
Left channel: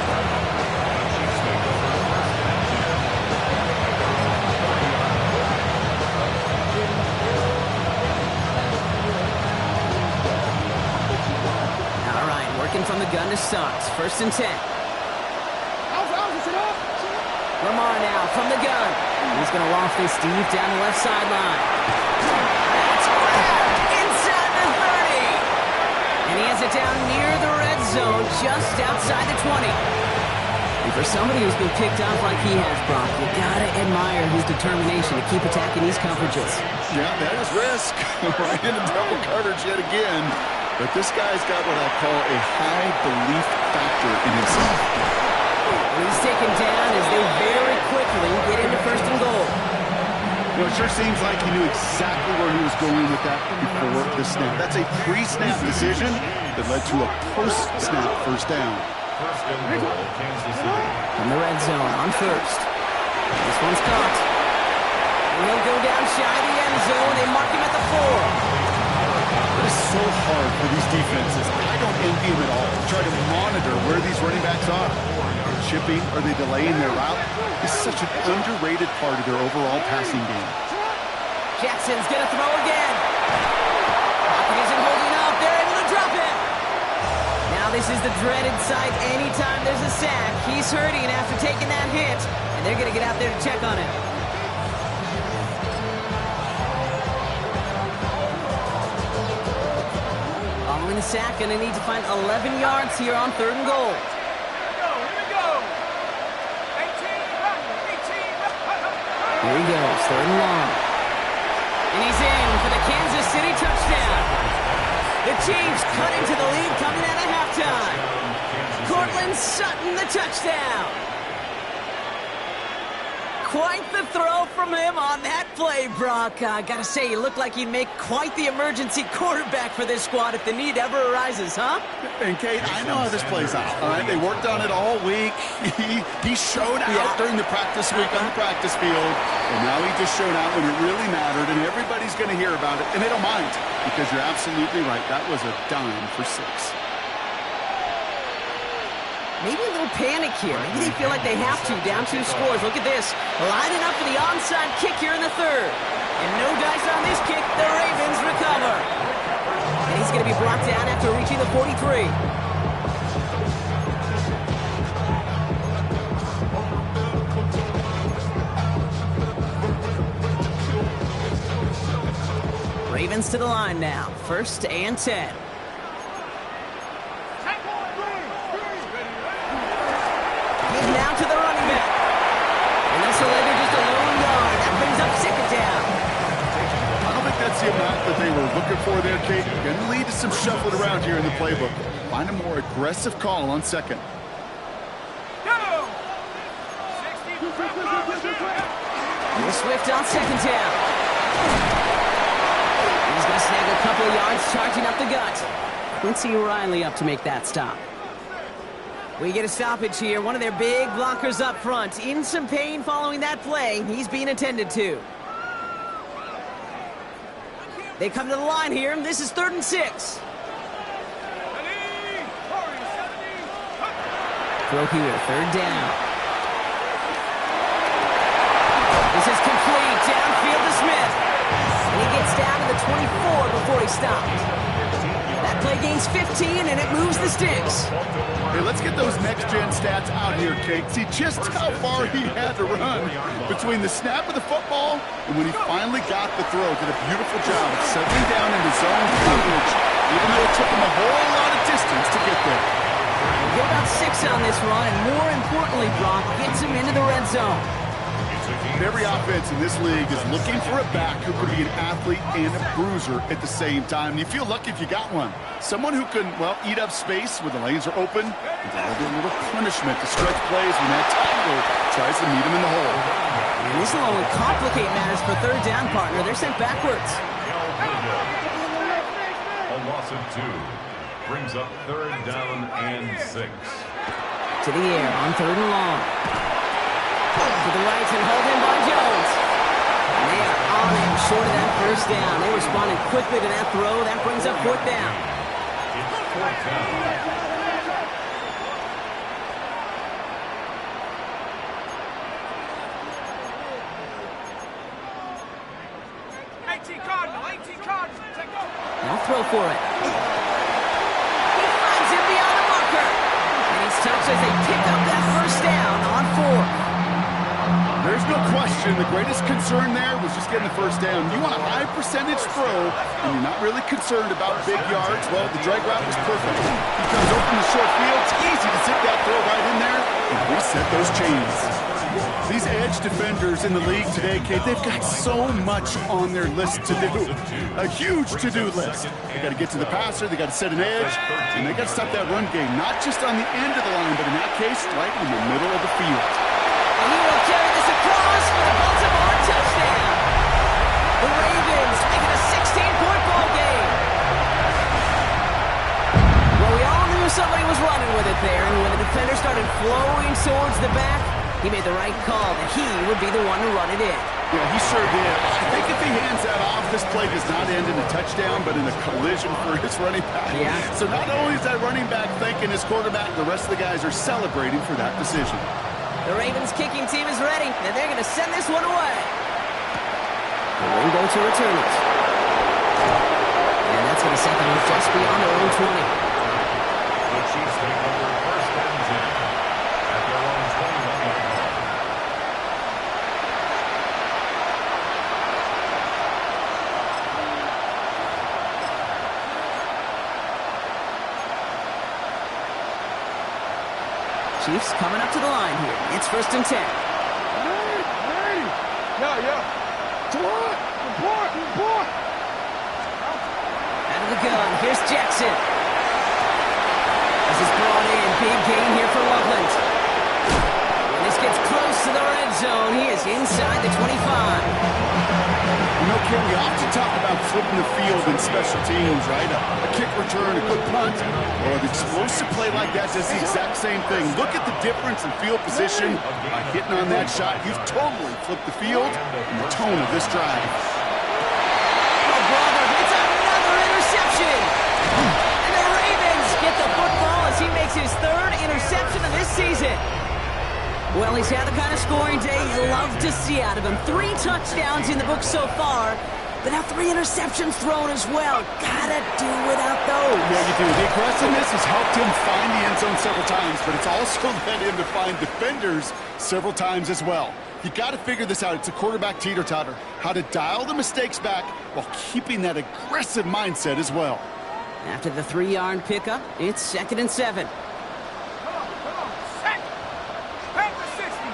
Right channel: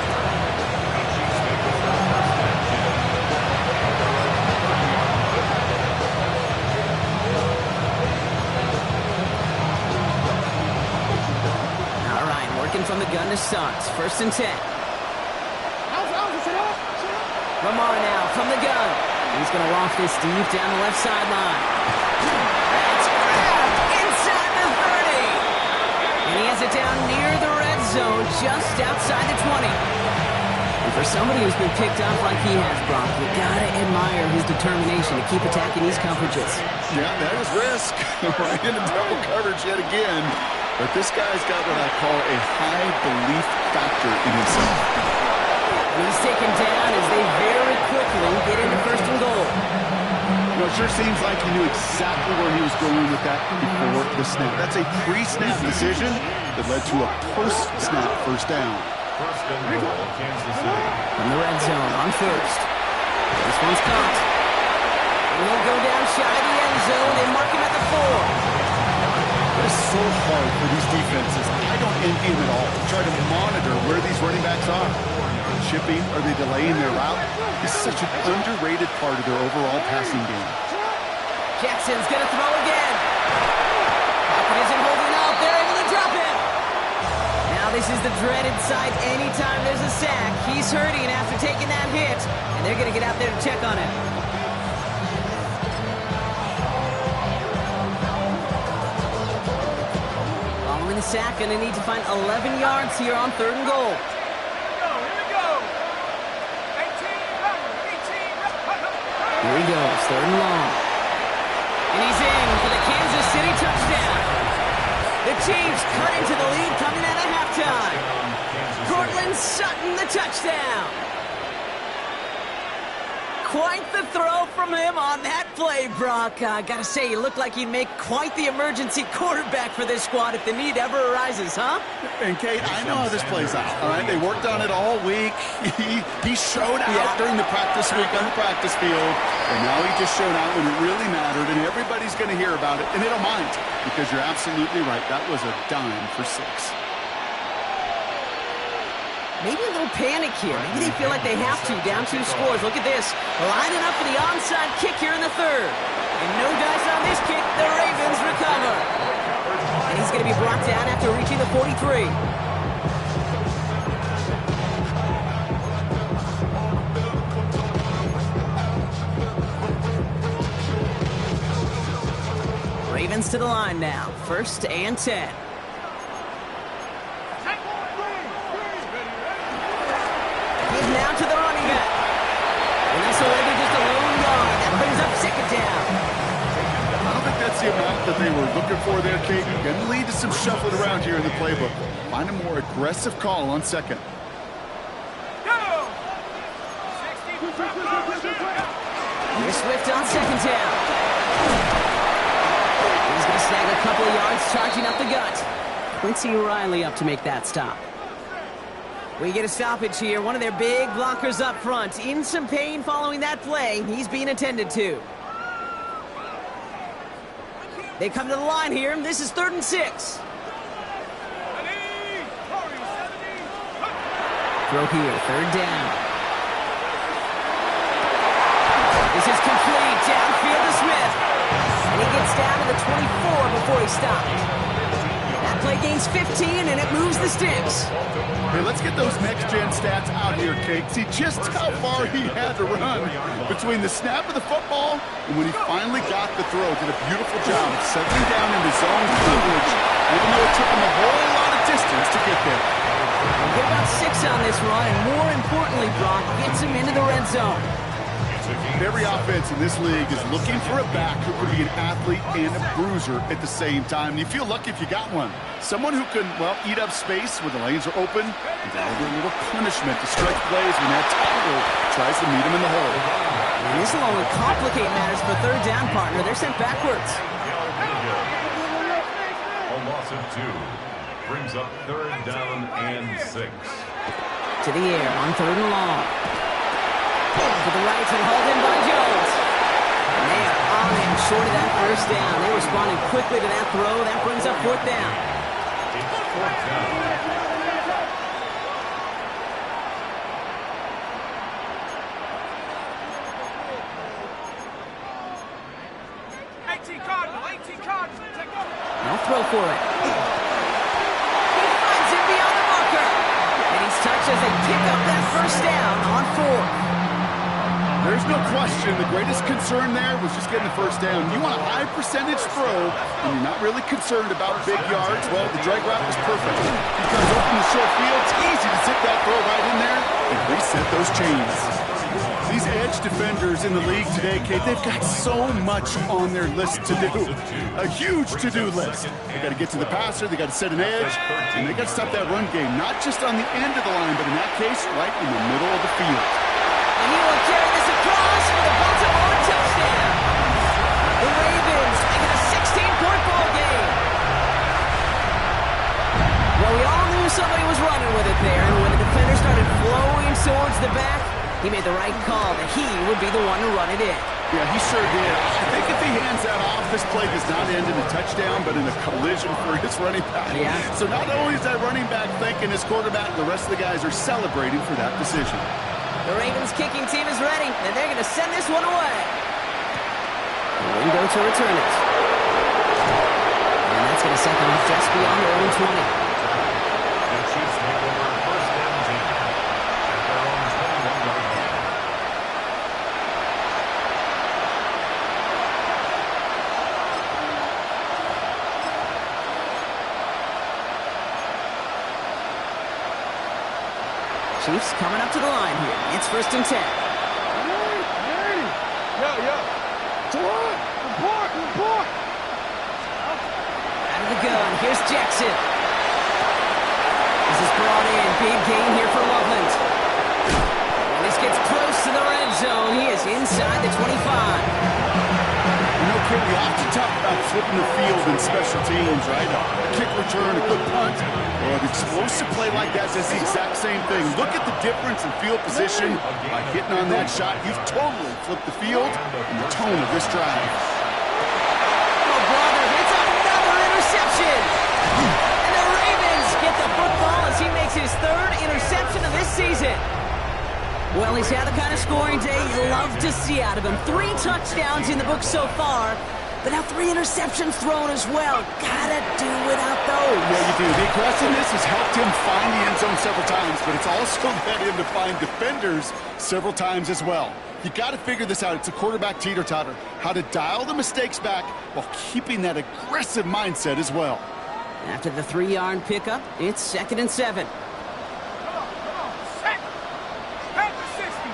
All right, working from the gun to start. 1st and 10. Lamar now from the gun. He's going to loft this deep down the left sideline. That's grabbed inside the 30. And he has it down near the red zone, just outside the 20. And for somebody who's been picked off like he has, Brock, you got to admire his determination to keep attacking these coverages. Yeah, that is risk. Right into double coverage yet again. But this guy's got what I call a high belief factor in himself. And he's taken down as they very quickly get into 1st and goal. You know, it sure seems like he knew exactly where he was going with that before the snap. That's a pre-snap decision that led to a post-snap 1st down. 1st and goal, Kansas City. From the red zone on 1st. This one's caught. And he'll go down shy of the end zone. They mark him at the 4. It is so hard for these defenses. I don't envy them at all. Try to monitor where these running backs are. Chipping, are they delaying their route? It's such an underrated part of their overall passing game. Jackson's going to throw again. Pocket isn't holding up. They're able to drop him. Now this is the dreaded sight anytime there's a sack. He's hurting after taking that hit, and they're going to get out there to check on him. Following the sack, and they need to find 11 yards here on 3rd and goal. Here we go. 18 run. 18 run. Here he goes, 3rd and long. And he's in for the Kansas City touchdown. The Chiefs cut into the lead coming out of halftime. Cortland Sutton, the touchdown. Quite the throw from him on that play, Brock. Gotta say, you look like you'd make quite the emergency quarterback for this squad if the need ever arises, huh? And Kate, I know how this plays out. All right, they worked on it all week. He showed out during the practice week on the practice field, and now he just showed out when it really mattered, and everybody's going to hear about it, and they don't mind, because you're absolutely right. That was a dime for 6. Maybe a little panic here. Maybe they feel like they have to. Down 2 scores. Look at this. Lining up for the onside kick here in the 3rd. And no dice on this kick. The Ravens recover. And he's going to be brought down after reaching the 43. Ravens to the line now. 1st and 10. Now to the running back. And they'll surrender just a lone yard. That brings up 2nd down. I don't think that's the amount that they were looking for there, Kate. Going to lead to some shuffling around here in the playbook. Find a more aggressive call on 2nd. Go! 60. Here's Swift on 2nd down. He's going to snag a couple of yards charging up the gut. Quincy Riley up to make that stop. We get a stoppage here. One of their big blockers up front. In some pain following that play. He's being attended to. They come to the line here. This is 3rd and 6. Throw here, 3rd down. This is complete. Downfield to Smith. And he gets down to the 24 before he stopped. That play gains 15, and it moves the sticks. Hey, let's get those next-gen stats out here, Kate. See just how far he had to run between the snap of the football and when he finally got the throw. Did a beautiful job of settling down into zone coverage, even though it took him a whole lot of distance to get there. We'll get about 6 on this run, and more importantly, Brock gets him into the red zone. Every offense in this league is looking for a back who can be an athlete and a bruiser at the same time. And you feel lucky if you got one. Someone who can, well, eat up space when the lanes are open and deliver a little punishment to stretch plays when that tackler tries to meet him in the hole. And this will only complicate matters for 3rd down, partner. They're sent backwards. A loss of 2 brings up 3rd down and 6. To the air on 3rd and long. To the right and hauled in by Jones. And they are on him short of that 1st down. They responded quickly to that throw. That brings up 4th down. It's 4th down. They'll throw for it. He finds him beyond the marker. And he's touched as they pick up that 1st down on 4th. There's no question the greatest concern there was just getting the 1st down. You want a high percentage throw, and you're not really concerned about big yards. Well, the drag route was perfect. He comes open the short field. It's easy to zip that throw right in there and reset those chains. These edge defenders in the league today, Kate, they've got so much on their list to do. A huge to-do list. They got to get to the passer, they got to set an edge, and they got to stop that run game, not just on the end of the line, but in that case, right in the middle of the field. And he will carry this across for the Baltimore touchdown. The Ravens make it a 16-point ball game. Well, we all knew somebody was running with it there, and when the defender started flowing towards the back, he made the right call that he would be the one to run it in. Yeah, he sure did. I think if he hands that off, this play does not end in a touchdown, but in a collision for his running back. Yeah. So not only is that running back thanking his quarterback, the rest of the guys are celebrating for that decision. The Ravens kicking team is ready, and they're going to send this one away. The window to return it. And that's going to set them up just beyond their own 20. The Chiefs take over 1st and 10 at their own 21-yard line. Chiefs coming up to the line here. It's 1st and 10. Hey! Yeah. Report! Out of the gun, here's Jackson. This is brought in. Big gain here for Loveland. When this gets close to the red zone, he is inside the 25. You know, Ken, we often talk about flipping the field in special teams, right? A kick return, a good punt. Well, an explosive play like that does the exact same thing. Look at the difference in field position. By hitting on that shot, you've totally flipped the field and the tone of this drive. Oh, brother, it's another interception. And the Ravens get the football as he makes his 3rd interception of this season. Well, he's had the kind of scoring day you love to see out of him. 3 touchdowns in the book so far, but now 3 interceptions thrown as well. Gotta do without those. Yeah, you do. The aggressiveness has helped him find the end zone several times, but it's also led him to find defenders several times as well. You got to figure this out. It's a quarterback teeter-totter. How to dial the mistakes back while keeping that aggressive mindset as well. After the 3-yard pickup, it's 2nd and 7. Come on. Set. Pat the 60.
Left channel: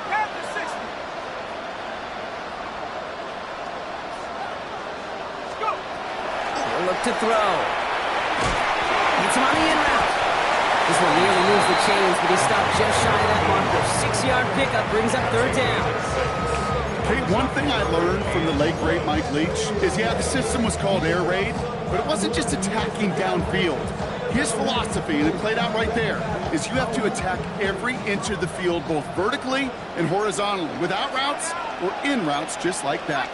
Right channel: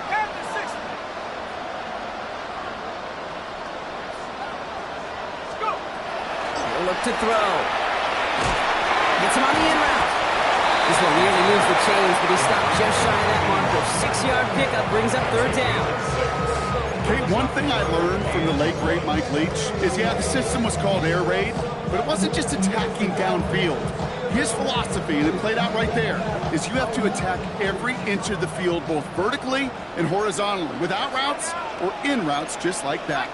Let's go. He'll look to throw. Gets him on the in route. This one nearly moves the chains, but he stopped just shy of that marker. 6-yard pickup brings up 3rd down. Hey, one thing I learned from the late, great Mike Leach is, yeah, the system was called air raid, but it wasn't just attacking downfield. His philosophy, and it played out right there, is you have to attack every inch of the field, both vertically and horizontally, without routes or in routes just like that.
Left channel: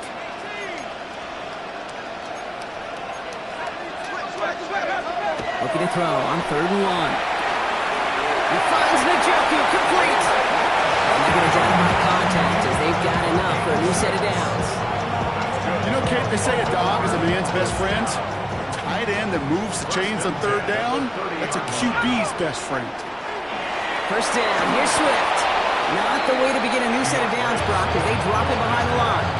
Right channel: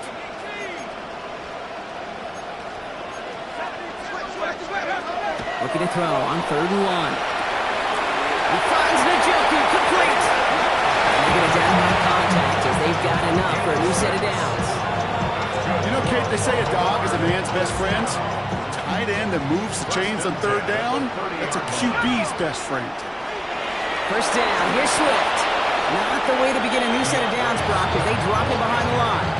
Looking to throw on 3rd and 1. He finds Njoku complete. And they get it down by contact as they've got enough for a new set of downs. You know, Kate, they say a dog is a man's best friend. Tight end that moves the chains on 3rd down, that's a QB's best friend. 1st down, here's Swift. Not the way to begin a new set of downs, Brock, as they drop him behind the line.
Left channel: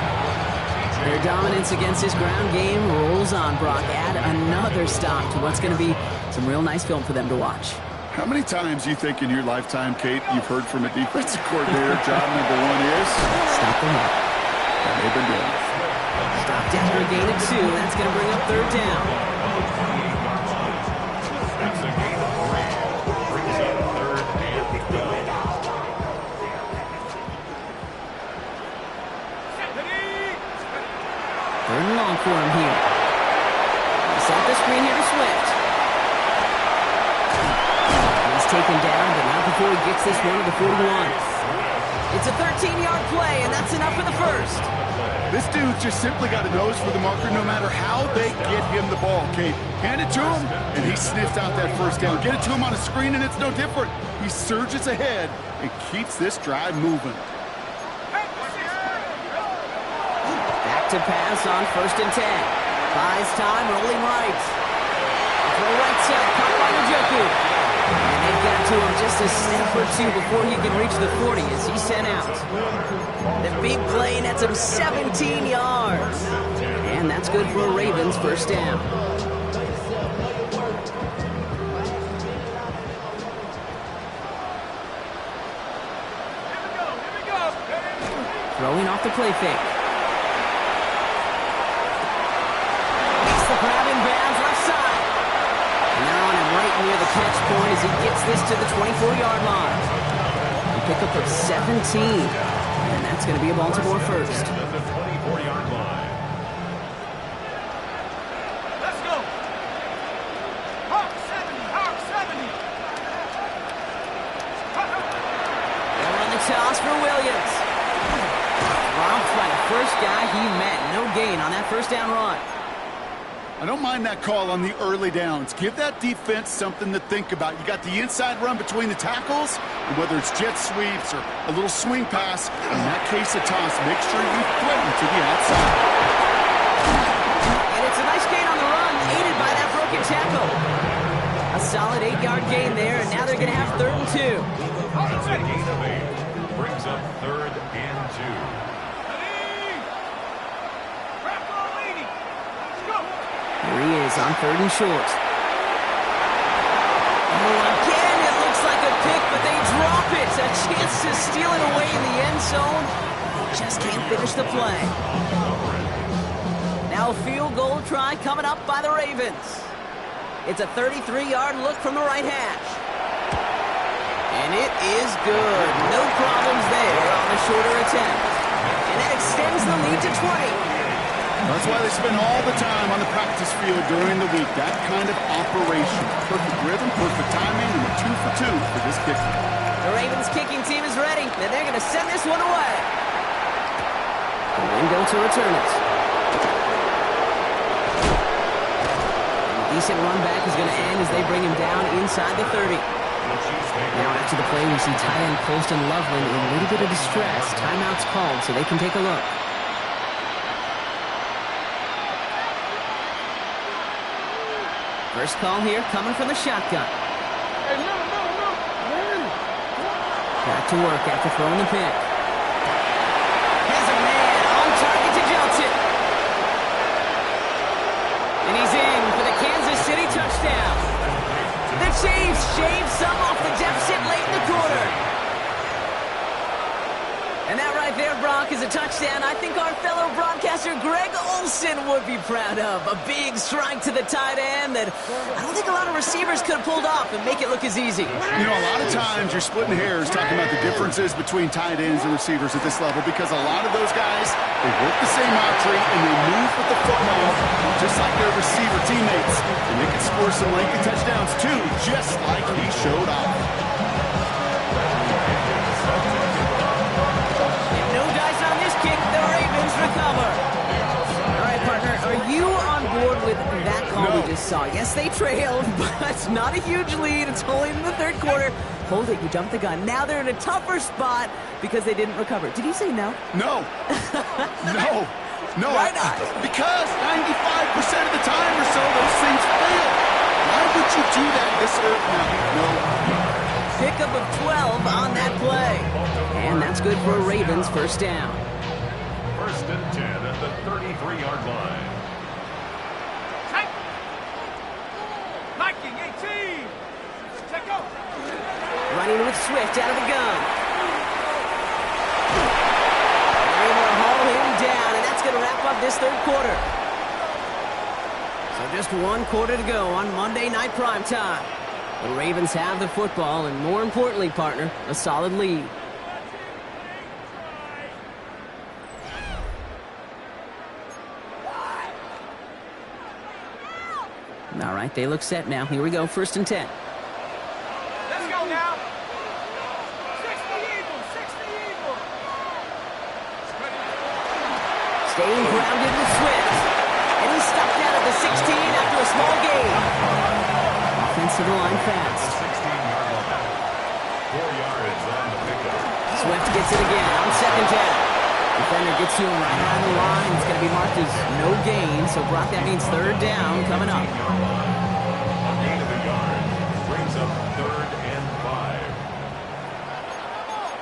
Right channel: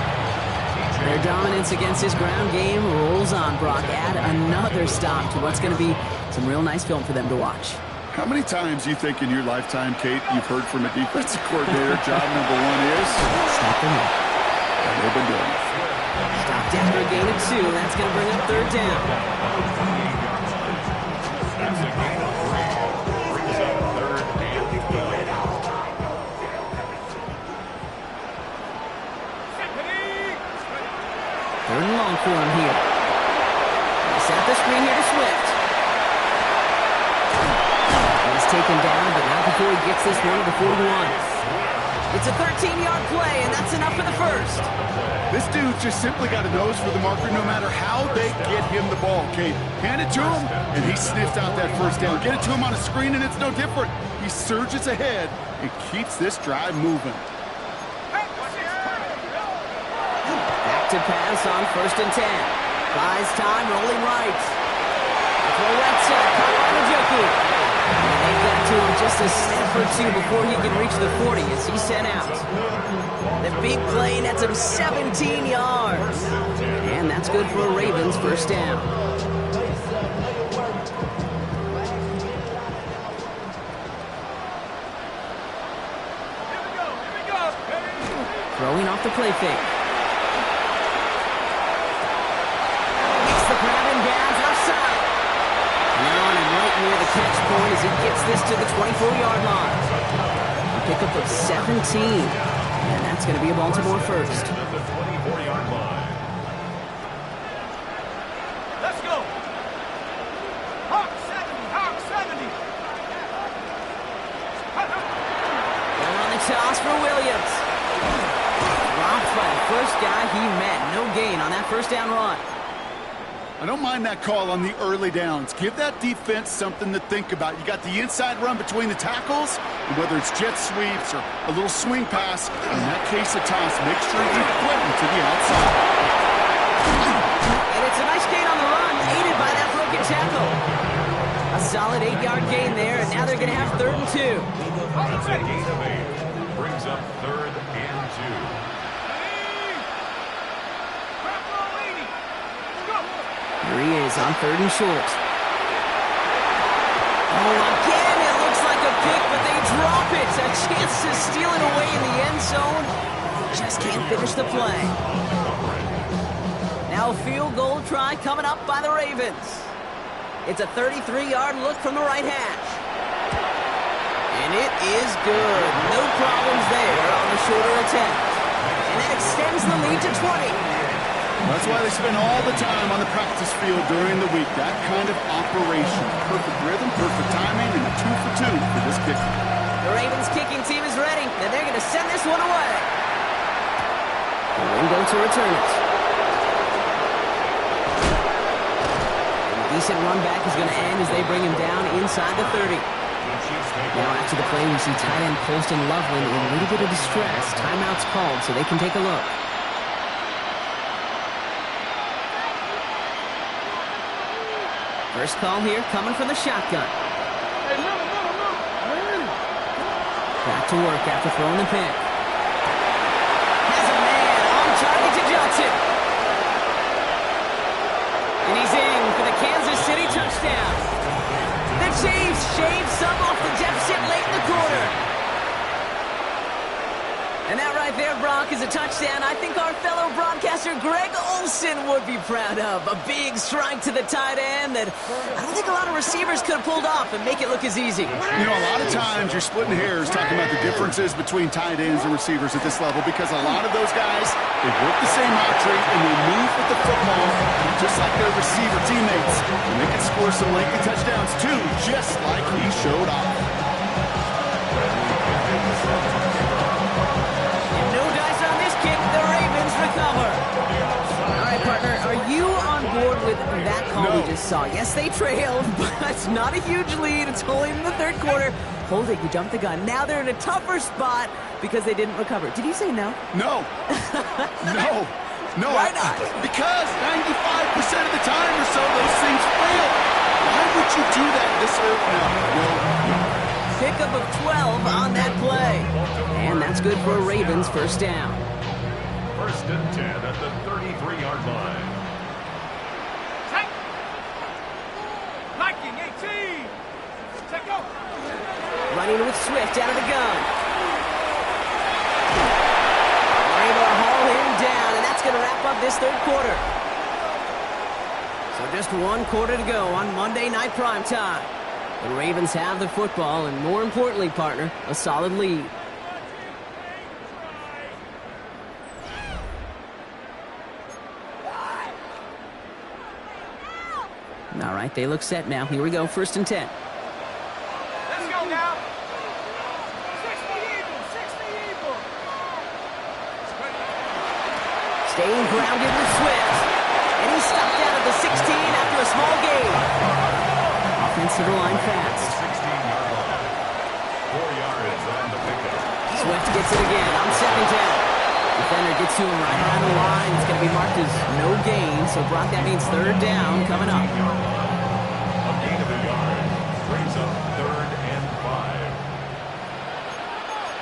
Their dominance against his ground game rolls on, Brock. Add another stop to what's going to be some real nice film for them to watch. How many times do you think in your lifetime, Kate, you've heard from a defensive coordinator, job number 1 is? Stop them up. And they've been doing it. Stopped after a gain of 2. That's going to bring up 3rd down. That's a gain of 3. Brings up 3rd and 12. Third and long for him here. He's at the screen here to Swift. He's taken down, but not before he gets this one to the 41. It's a 13-yard play, and that's enough for the 1st. This dude just simply got a nose for the marker no matter how they get him the ball, Kate. Hand it to him, and he sniffs out that 1st down. Get it to him on a screen, and it's no different. He surges ahead and keeps this drive moving. Back to pass on 1st and 10. Buys time, rolling right. Throw right side, caught by Njoku. And they've got to him just a step or 2 before he can reach the 40 as he's sent out. The big play nets him 17 yards. And that's good for a Ravens 1st down. Here we go. Throwing off the play fake. Makes the grab in bounds left side. Now on him right near the catch point as he gets this to the 24-yard line. A pickup of 17. And that's going to be a Baltimore 1st. The 24-yard line. Let's go. Hawk 70. They'll run the toss for Williams. Dropped by the first guy he met. No gain on that 1st down run. I don't mind that call on the early downs. Give that defense something to think about. You got the inside run between the tackles, and whether it's jet sweeps or a little swing pass, in that case a toss, make sure you threaten to the outside. And it's a nice gain on the run, aided by that broken tackle. A solid 8-yard gain there, and now they're going to have 3rd and 2. That's a gain of 8. Brings up 3rd and 2. Here he is on 3rd and short. Oh, again, it looks looks like a pick, but they drop it. A chance to steal it away in the end zone. Just can't finish the play. Now a field goal try coming up by the Ravens. It's a 33-yard look from the right hash. And it is good. No problems there on the shorter attempt. And that extends the lead to 20. That's why they spend all the time on the practice field during the week. That kind of operation. Perfect rhythm, perfect timing, and a 2 for 2 for this kicker. The Ravens kicking team is ready, and they're going to send this one away. The window to return it. And a decent run back is going to end as they bring him down inside the 30. Now after the play, we see tight end Colston Loveland in a little bit of distress. Timeout's called, so they can take a look. First call here coming from the shotgun. Hey, middle. Back to work after throwing the pick. Has a man on target to Johnson. And he's in for the Kansas City touchdown. The Chiefs shave some off the deficit late in the quarter. And that right there, Brock, is a touchdown I think our fellow broadcaster Greg Olson would be proud of. A big strike to the tight end that I don't think a lot of receivers could have pulled off and make it look as easy. You know, a lot of times you're splitting hairs talking about the differences between tight ends and receivers at this level because a lot of those guys, they work the same route tree and they move with the football just like their receiver teammates. And they can score some lengthy touchdowns too, just like he showed off. On this kick, the Ravens recover. All right, partner, are you on board with that call No. we just saw? Yes, they trailed, but not a huge lead. It's only in the third quarter. Hold it, you jumped the gun. Now they're in a tougher spot because they didn't recover. Did you say no? No. No. Why not? Because 95% of the time or so, those things fail. Why would you do that this early? No. Pickup of 12 on that play. And that's good for a Ravens first down. First and 10 at the 33-yard line. Check. Liking 18. Check go. Running with Swift out of the gun. They're able to haul him down, and that's going to wrap up this third quarter. So just one quarter to go on Monday Night Primetime. The Ravens have the football, and more importantly, partner, a solid lead. All right, they look set now. Here we go, first and 10. Let's go now. 60 Eagles. Staying grounded with Swift. And he's stopped out at the 16 after a small gain. Offensive line fast. 16-yard line. 4 yards on the pickup. Swift gets it again on second down. Defender gets to him right around the line. It's going to be marked as no gain. So, Brock, that means third down coming up. 15-yard line. A gain of a yard brings up 3rd and 5.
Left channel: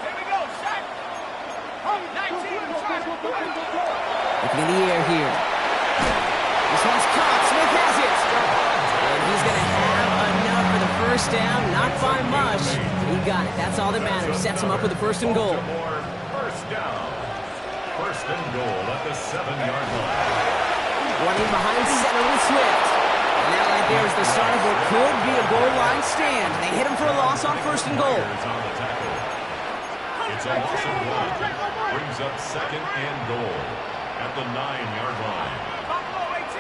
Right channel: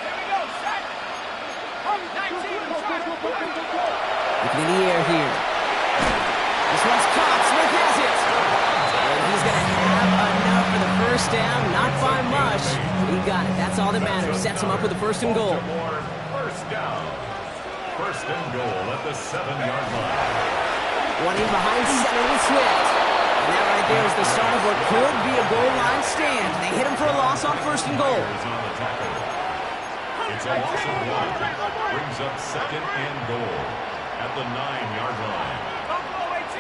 Here we go, set. 19. Looking in the air here. This one's caught. Smith has it. And he's going to have enough for the first down. Not by much. He got it. That's all that matters. Sets him up with a first and goal. Baltimore, first down. First and goal at the 7-yard line. One in behind center with Swift. And that right there is the start of what could be a goal line stand. They hit him for a loss on first and goal. Players on the tackle. It's a loss of 1. Brings up 2nd and goal at the 9-yard line. Buffalo 18.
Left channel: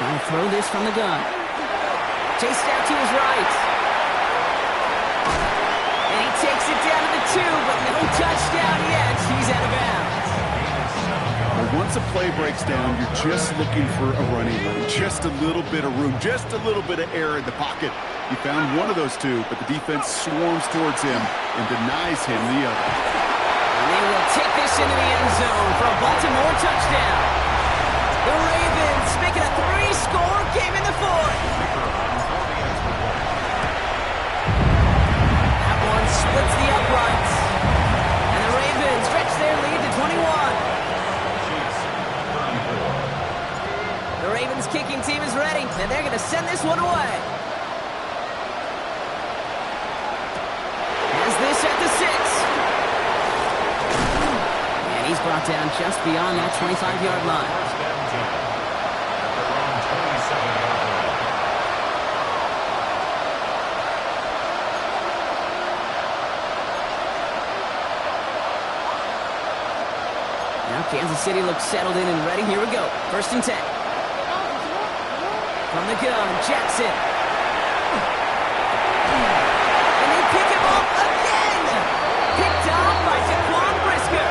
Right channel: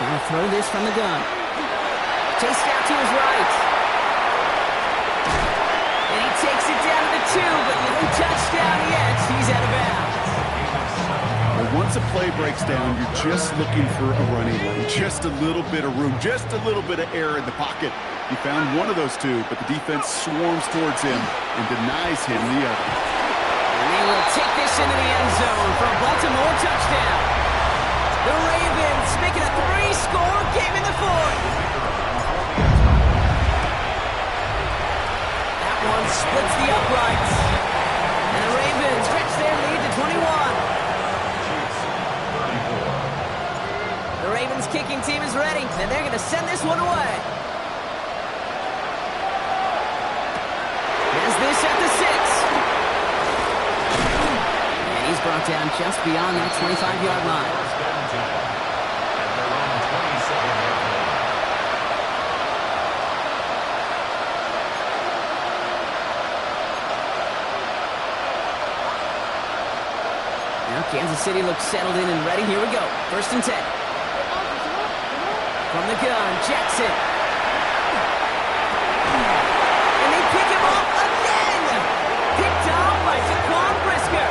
Trying to throw this from the gun. Chased out to his right. And he takes it down to the 2, but no touchdown yet. He's out of bounds. Well, once a play breaks down, you're just looking for a running lane. Just a little bit of room, just a little bit of air in the pocket. He found one of those two, but the defense swarms towards him and denies him the other. And they will take this into the end zone for a Baltimore touchdown. The Ravens making a 3-score game in the fourth. That one splits the uprights. And the Ravens stretch their lead to 21. Chiefs, 34. The Ravens kicking team is ready, and they're going to send this one away. this at the 6. And he's brought down just beyond that 25-yard line. First and 10 at their own 27-yard line. Now Kansas City looks settled in and ready. Here we go. First and 10. From the gun, Jackson. And they pick him up again. Picked off by Jaquan Brisker.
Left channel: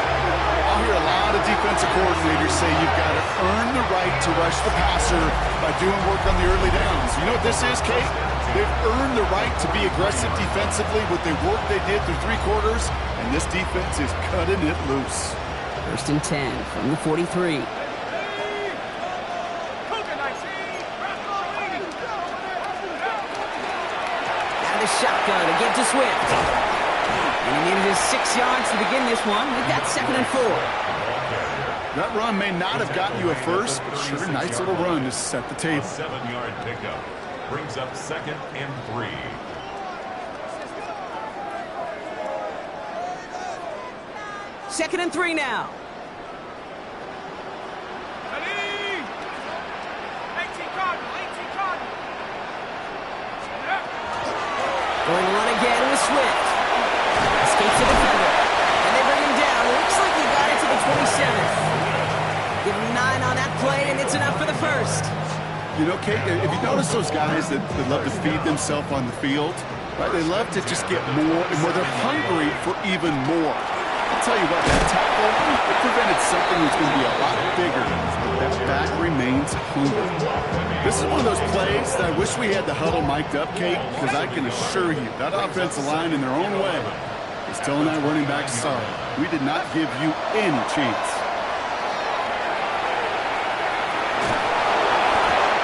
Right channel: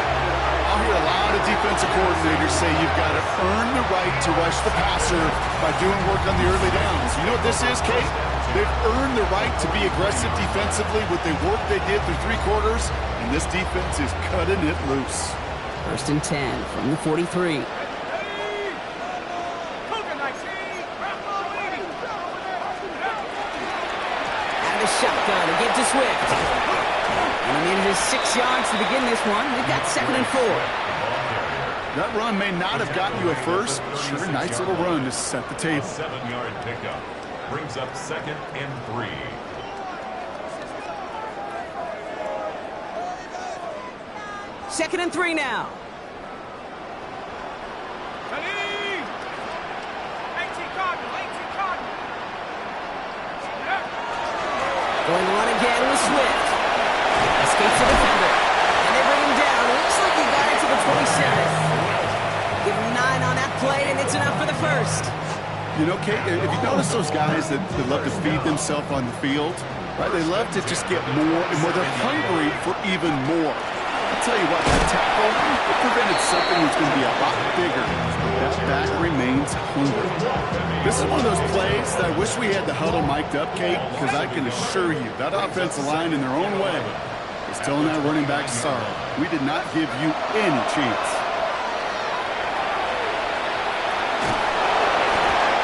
I'll hear a lot of defensive coordinators say you've got to earn the right to rush the passer by doing work on the early downs. You know what this is, Kate? They've earned the right to be aggressive defensively with the work they did through 3 quarters, and this defense is cutting it loose. First and 10 from the 43. Out of the shotgun, a give to Swift. And he needed his 6 yards to begin this one. We've got 2nd and 4. That run may not have gotten you a first, but sure, a nice little run to set the table. 7-yard pickup brings up 2nd and 3. Second and 3 now. Going to run again with Swift. Escapes the defender. And they bring him down. Looks like he got into the 27th. Give him 9 on that play, and it's enough for the first. You know, Kate, if you notice those guys that love to feed themselves on the field, right? They love to just get more and more. They're hungry for even more. I'll tell you what, that tackle, it prevented something that's going to be a lot bigger. But that back remains hungry. This is one of those plays that I wish we had the huddle mic'd up, Kate, because I can assure you that offensive line in their own way is telling that running back, sorry, we did not give you any chance.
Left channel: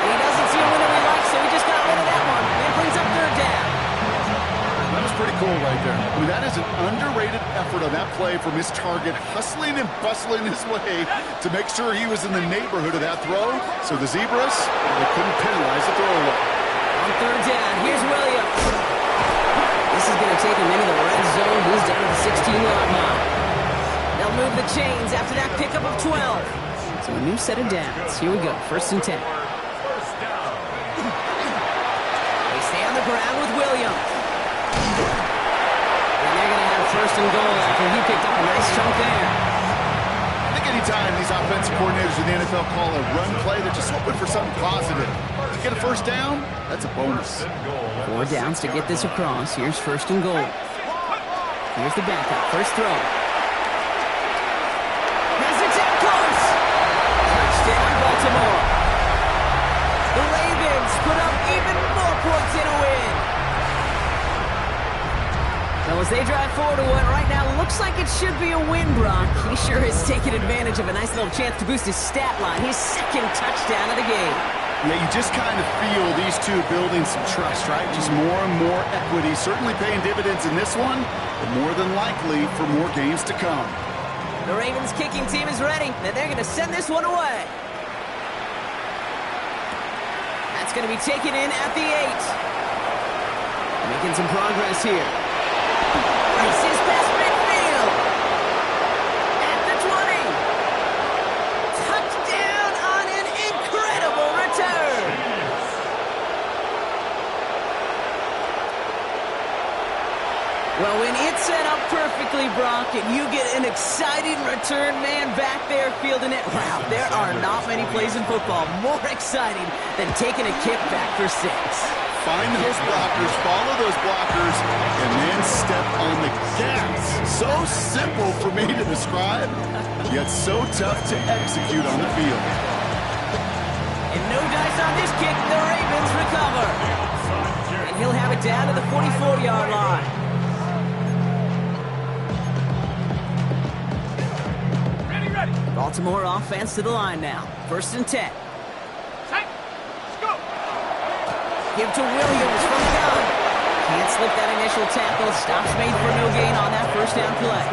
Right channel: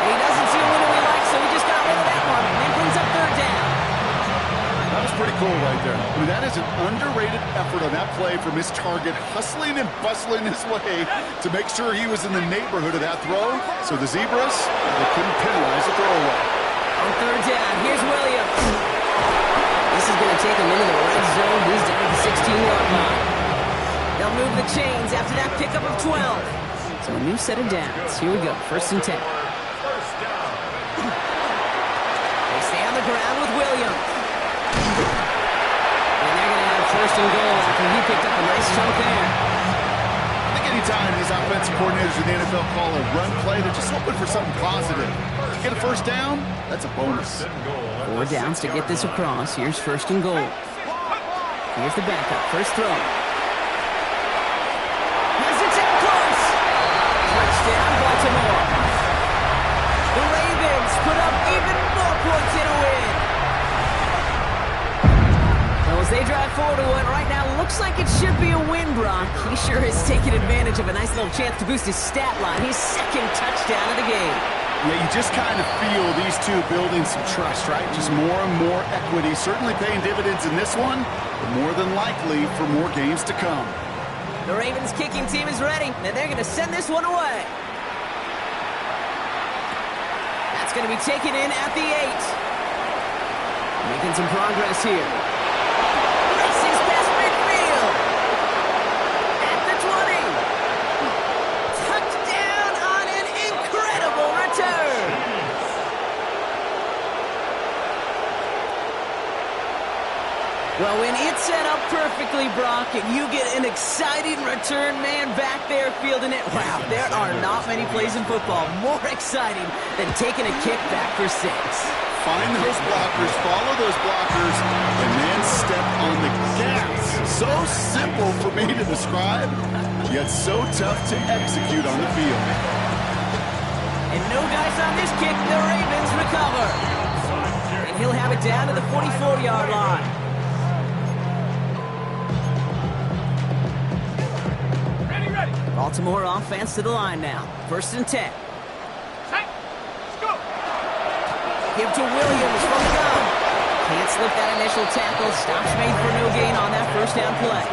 He doesn't see a window he likes, so he just got rid of that one. And brings up 3rd down. That was pretty cool right there. I mean, that is an underrated effort on that play from his target, hustling and bustling his way to make sure he was in the neighborhood of that throw. So the Zebras, they couldn't penalize the throwaway. On 3rd down, here's Williams. This is going to take him into the red zone. He's down at the 16-yard line. They'll move the chains after that pickup of 12. So a new set of downs. Here we go, 1st and 10. They stay on the ground with Williams. And they're going to have 1st and goal after he picked up a nice chunk there. I think anytime these offensive coordinators in the NFL call a run play, they're just hoping for something positive. To get a 1st down, that's a bonus. 4 downs to get this across. Here's 1st and goal. Here's the backup. First throw. Has it down close. Touchdown, Baltimore. The Ravens put up even more points in a win. Well, as they drive forward to what right now looks like it should be a win, Brock. He sure has taken advantage of a nice little chance to boost his stat line. His 2nd touchdown of the game. Yeah, you just kind of feel these two building some trust, right? Just more and more equity. Certainly paying dividends in this one, but more than likely for more games to come. The Ravens kicking team is ready, and they're going to send this one away. That's going to be taken in at the 8. Making some progress here. Races past midfield. At the 20. Touchdown on an incredible return. Well, when it's set up perfectly, Brock, and you get an exciting return man back there fielding it, wow, there are not many plays in football more exciting than taking a kick back for 6. Find those blockers, follow those blockers, and then step on the gas. So simple for me to describe, yet so tough to execute on the field. And no dice on this kick. The Ravens recover. And he'll have it down to the 44-yard line. Ready. Baltimore offense to the line now. 1st and 10. Set. Let's go. Give to Williams from the gun. Can't slip that initial tackle. Stops made for no gain on that 1st down play.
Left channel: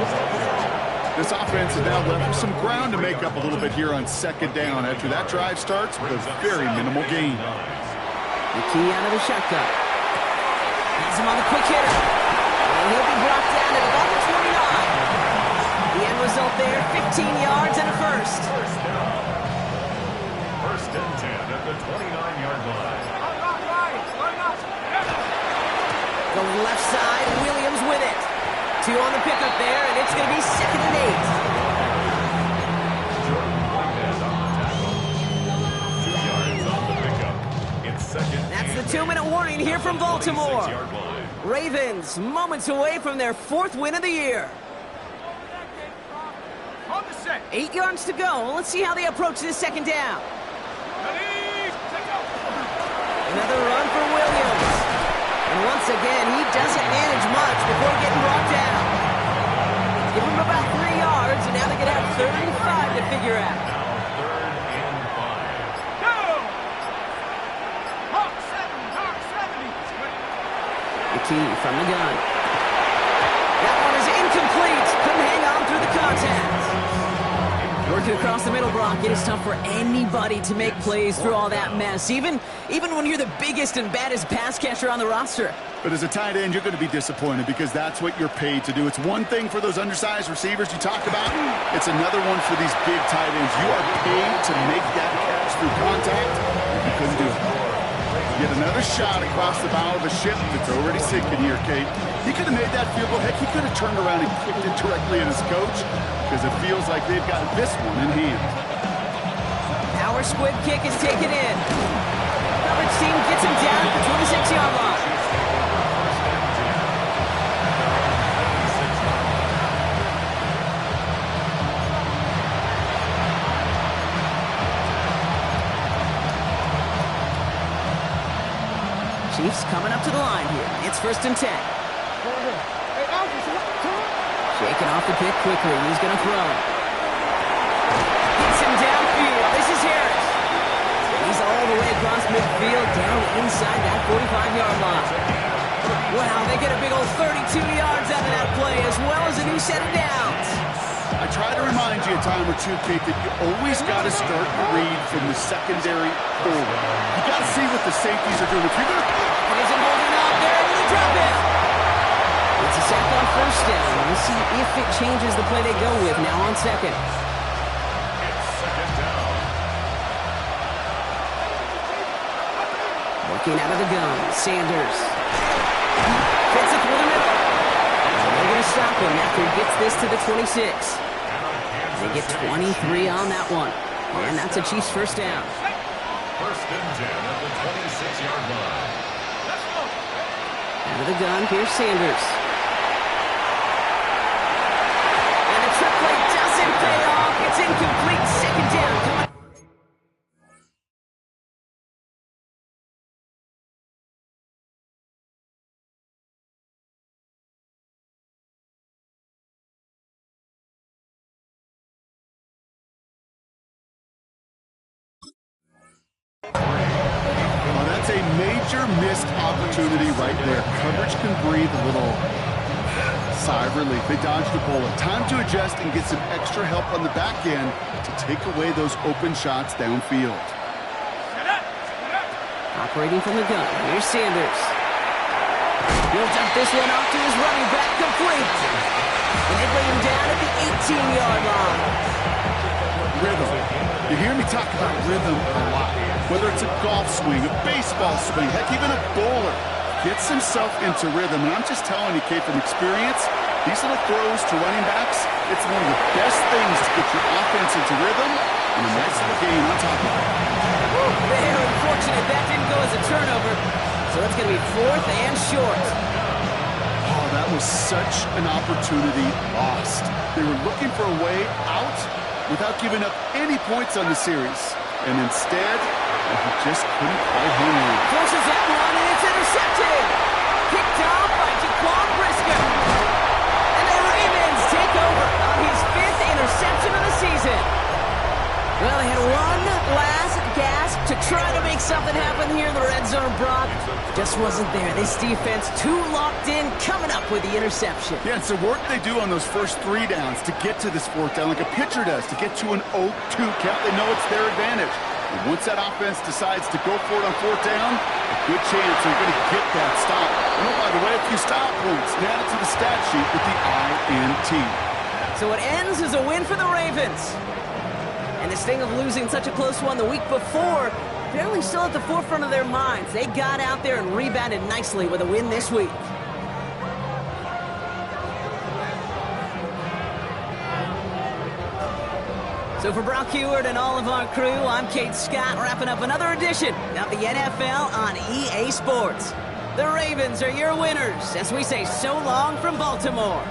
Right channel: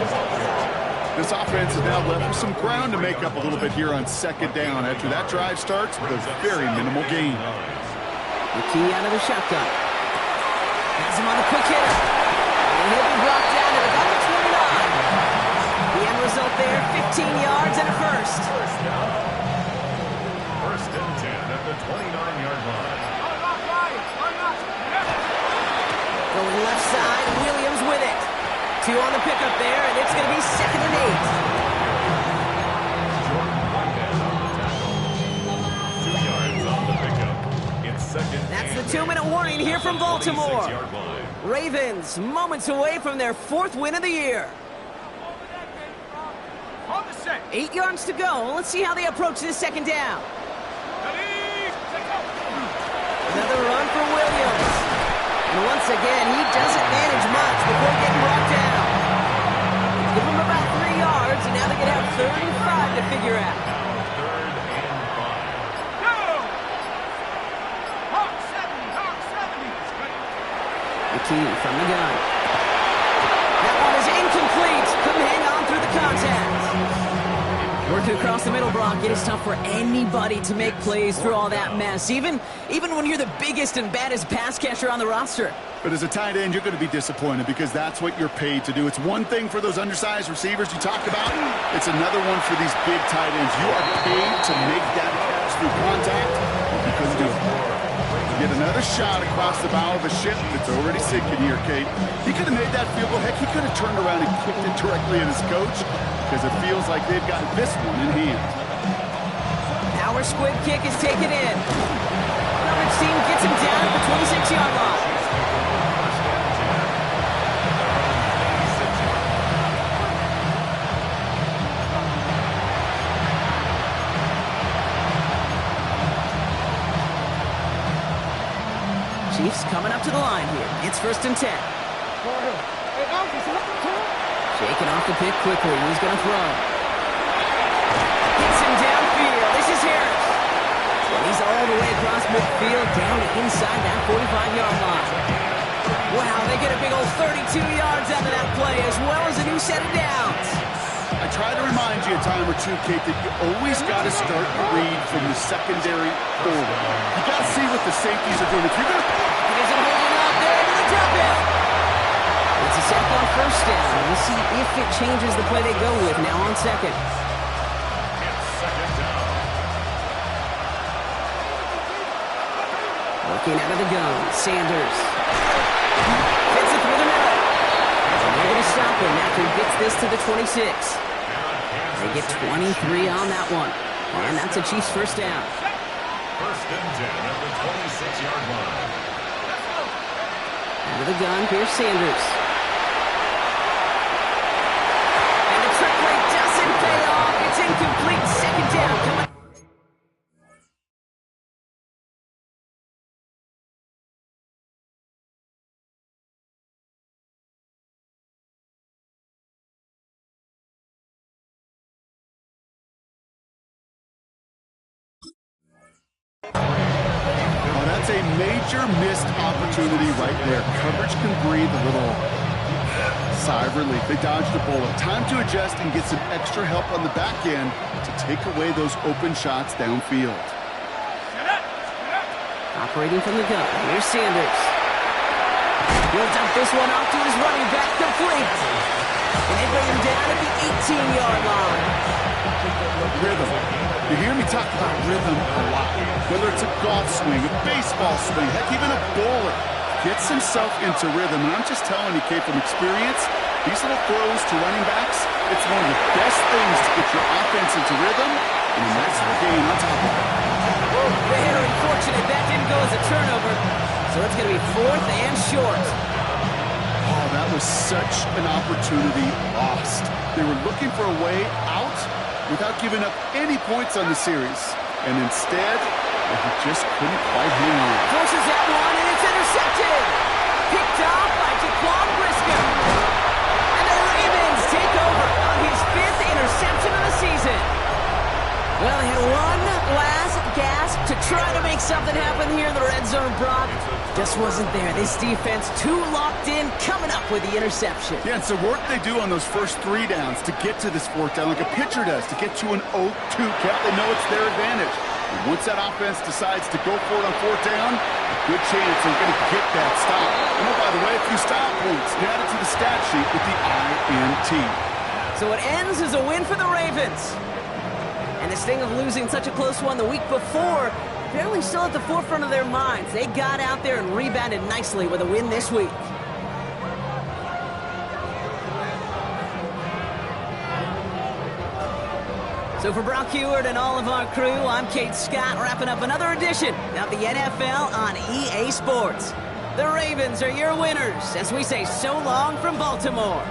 This offense is now left with some ground to make up a little bit here on 2nd down after that drive starts with a very minimal gain. The key out of the shotgun. Has him on the quick hitter. And he'll be brought down at about the 29. The end result there, 15 yards and a first. First down. First and 10 at the 29-yard line. Going left side, Williams with it. 2 on the pickup there, and it's going to be 2nd and 8. Jordan Whitehead on the tackle. 2 yards on the pickup. It's 2nd. That's and the 2-minute warning here from Baltimore. 26-yard line. Ravens, moments away from their 4th win of the year. On the set. 8 yards to go. Let's see how they approach this 2nd down. Ready, set, go. Another run for Williams. And once again, he doesn't manage much before getting brought down. Give him about 3 yards, and now they can have 3rd and 5 to figure out. Now 3rd and 5. Go. Hawk 70, Hawk 70. McKee from the gun. That one is incomplete. Couldn't hang on through the contact. Working across the middle, Brock, it is tough for anybody to make plays through all that mess, even when you're the biggest and baddest pass catcher on the roster. But as a tight end, you're going to be disappointed because that's what you're paid to do. It's one thing for those undersized receivers you talked about. It's another one for these big tight ends. You are paid to make that catch through contact. You couldn't do it. Get another shot across the bow of a ship that's already sinking here, Kate. He could have made that field goal. Heck, he could have turned around and kicked it directly at his coach because it feels like they've got this one in hand. Power squib kick is taken in. Coverage team gets him down at the 26-yard line. Chiefs take over first and 10 at their own 26-yard line. Chiefs coming up to the line here. It's 1st and 10. Shaking off the pick quickly. He's going to throw. Gets him downfield. This is Harris. And he's all the way across midfield, down inside that 45-yard line. Wow, they get a big old 32 yards out of that play, as well as a new set of downs. I try to remind you a time or two, Kate, that you always got to start your read from the secondary forward. You got to see what the safeties are doing. If you're going to... It isn't holding up. They're able to drop it. It's a sack on 1st down. We'll see if it changes the play they go with now on 2nd. It's 2nd down. Working out of the gun, Sanders. Fits it through the middle. And they're going to stop him after he gets this to the 26. They get 23 on that one. And that's a Chiefs 1st down. 1st and 10 at the 26-yard line. Out of the gun, here's Sanders. And the trick play doesn't pay off. It's incomplete. 2nd down. Coming. Oh, that's a major missed opportunity right there. Coverage can breathe a little sigh of relief. They dodged a bullet. Time to adjust and get some extra help on the back end to take away those open shots downfield. Operating from the gun, here's Sanders. He'll dump this one off to his running back, complete. And they bring him down at the 18-yard line. Rhythm. You hear me talk about rhythm a lot. Whether it's a golf swing, a baseball swing, heck, even a bowler gets himself into rhythm. And I'm just telling you, Kate, from experience, these little throws to running backs, it's one of the best things to get your offense into rhythm and a nice little gain on top of it. Very unfortunate that didn't go as a turnover. So it's going to be 4th and short. Oh, that was such an opportunity lost. They were looking for a way out without giving up any points on the series. And instead, he just couldn't quite hang on. Forces that one, and it's intercepted. Picked off by Jaquan Brisker. And the Ravens take over on his 5th interception of the season. Well, they had one last gasp to try to make something happen here in the red zone, Brock. Just wasn't there. This defense too locked in, coming up with the interception. Yeah, it's the work they do on those first 3 downs to get to this 4th down, like a pitcher does, to get to an 0-2 count. They know it's their advantage. And once that offense decides to go for it on fourth down, a good chance they're going to get that stop. And oh, by the way, a few style points. Add it to the stat sheet with the INT. So it ends as a win for the Ravens. And the sting of losing such a close one the week before, apparently still at the forefront of their minds. They got out there and rebounded nicely with a win this week. So for Brock Heward and all of our crew, I'm Kate Scott, wrapping up another edition of the NFL on EA Sports. The Ravens are your winners as we say so long from Baltimore.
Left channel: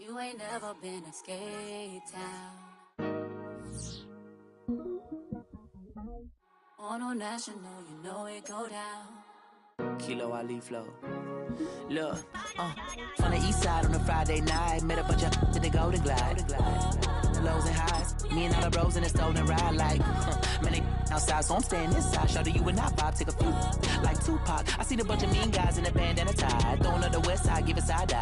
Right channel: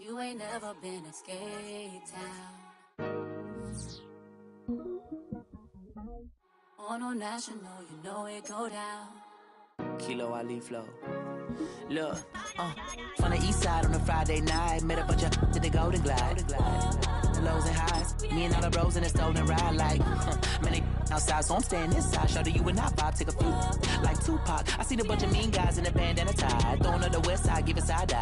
You ain't never been escape town. On national, you know it go down. Kilo Ali flow. Look, from the east side on a Friday night, met a bunch of to the Golden Glide. The lows and highs, me and all the bros in a stolen ride like, man, they outside, so I'm staying inside. Show you and I vibe, take a few like Tupac. I see the bunch of mean guys in the bandana tie, throwing up the west side, give a side eye.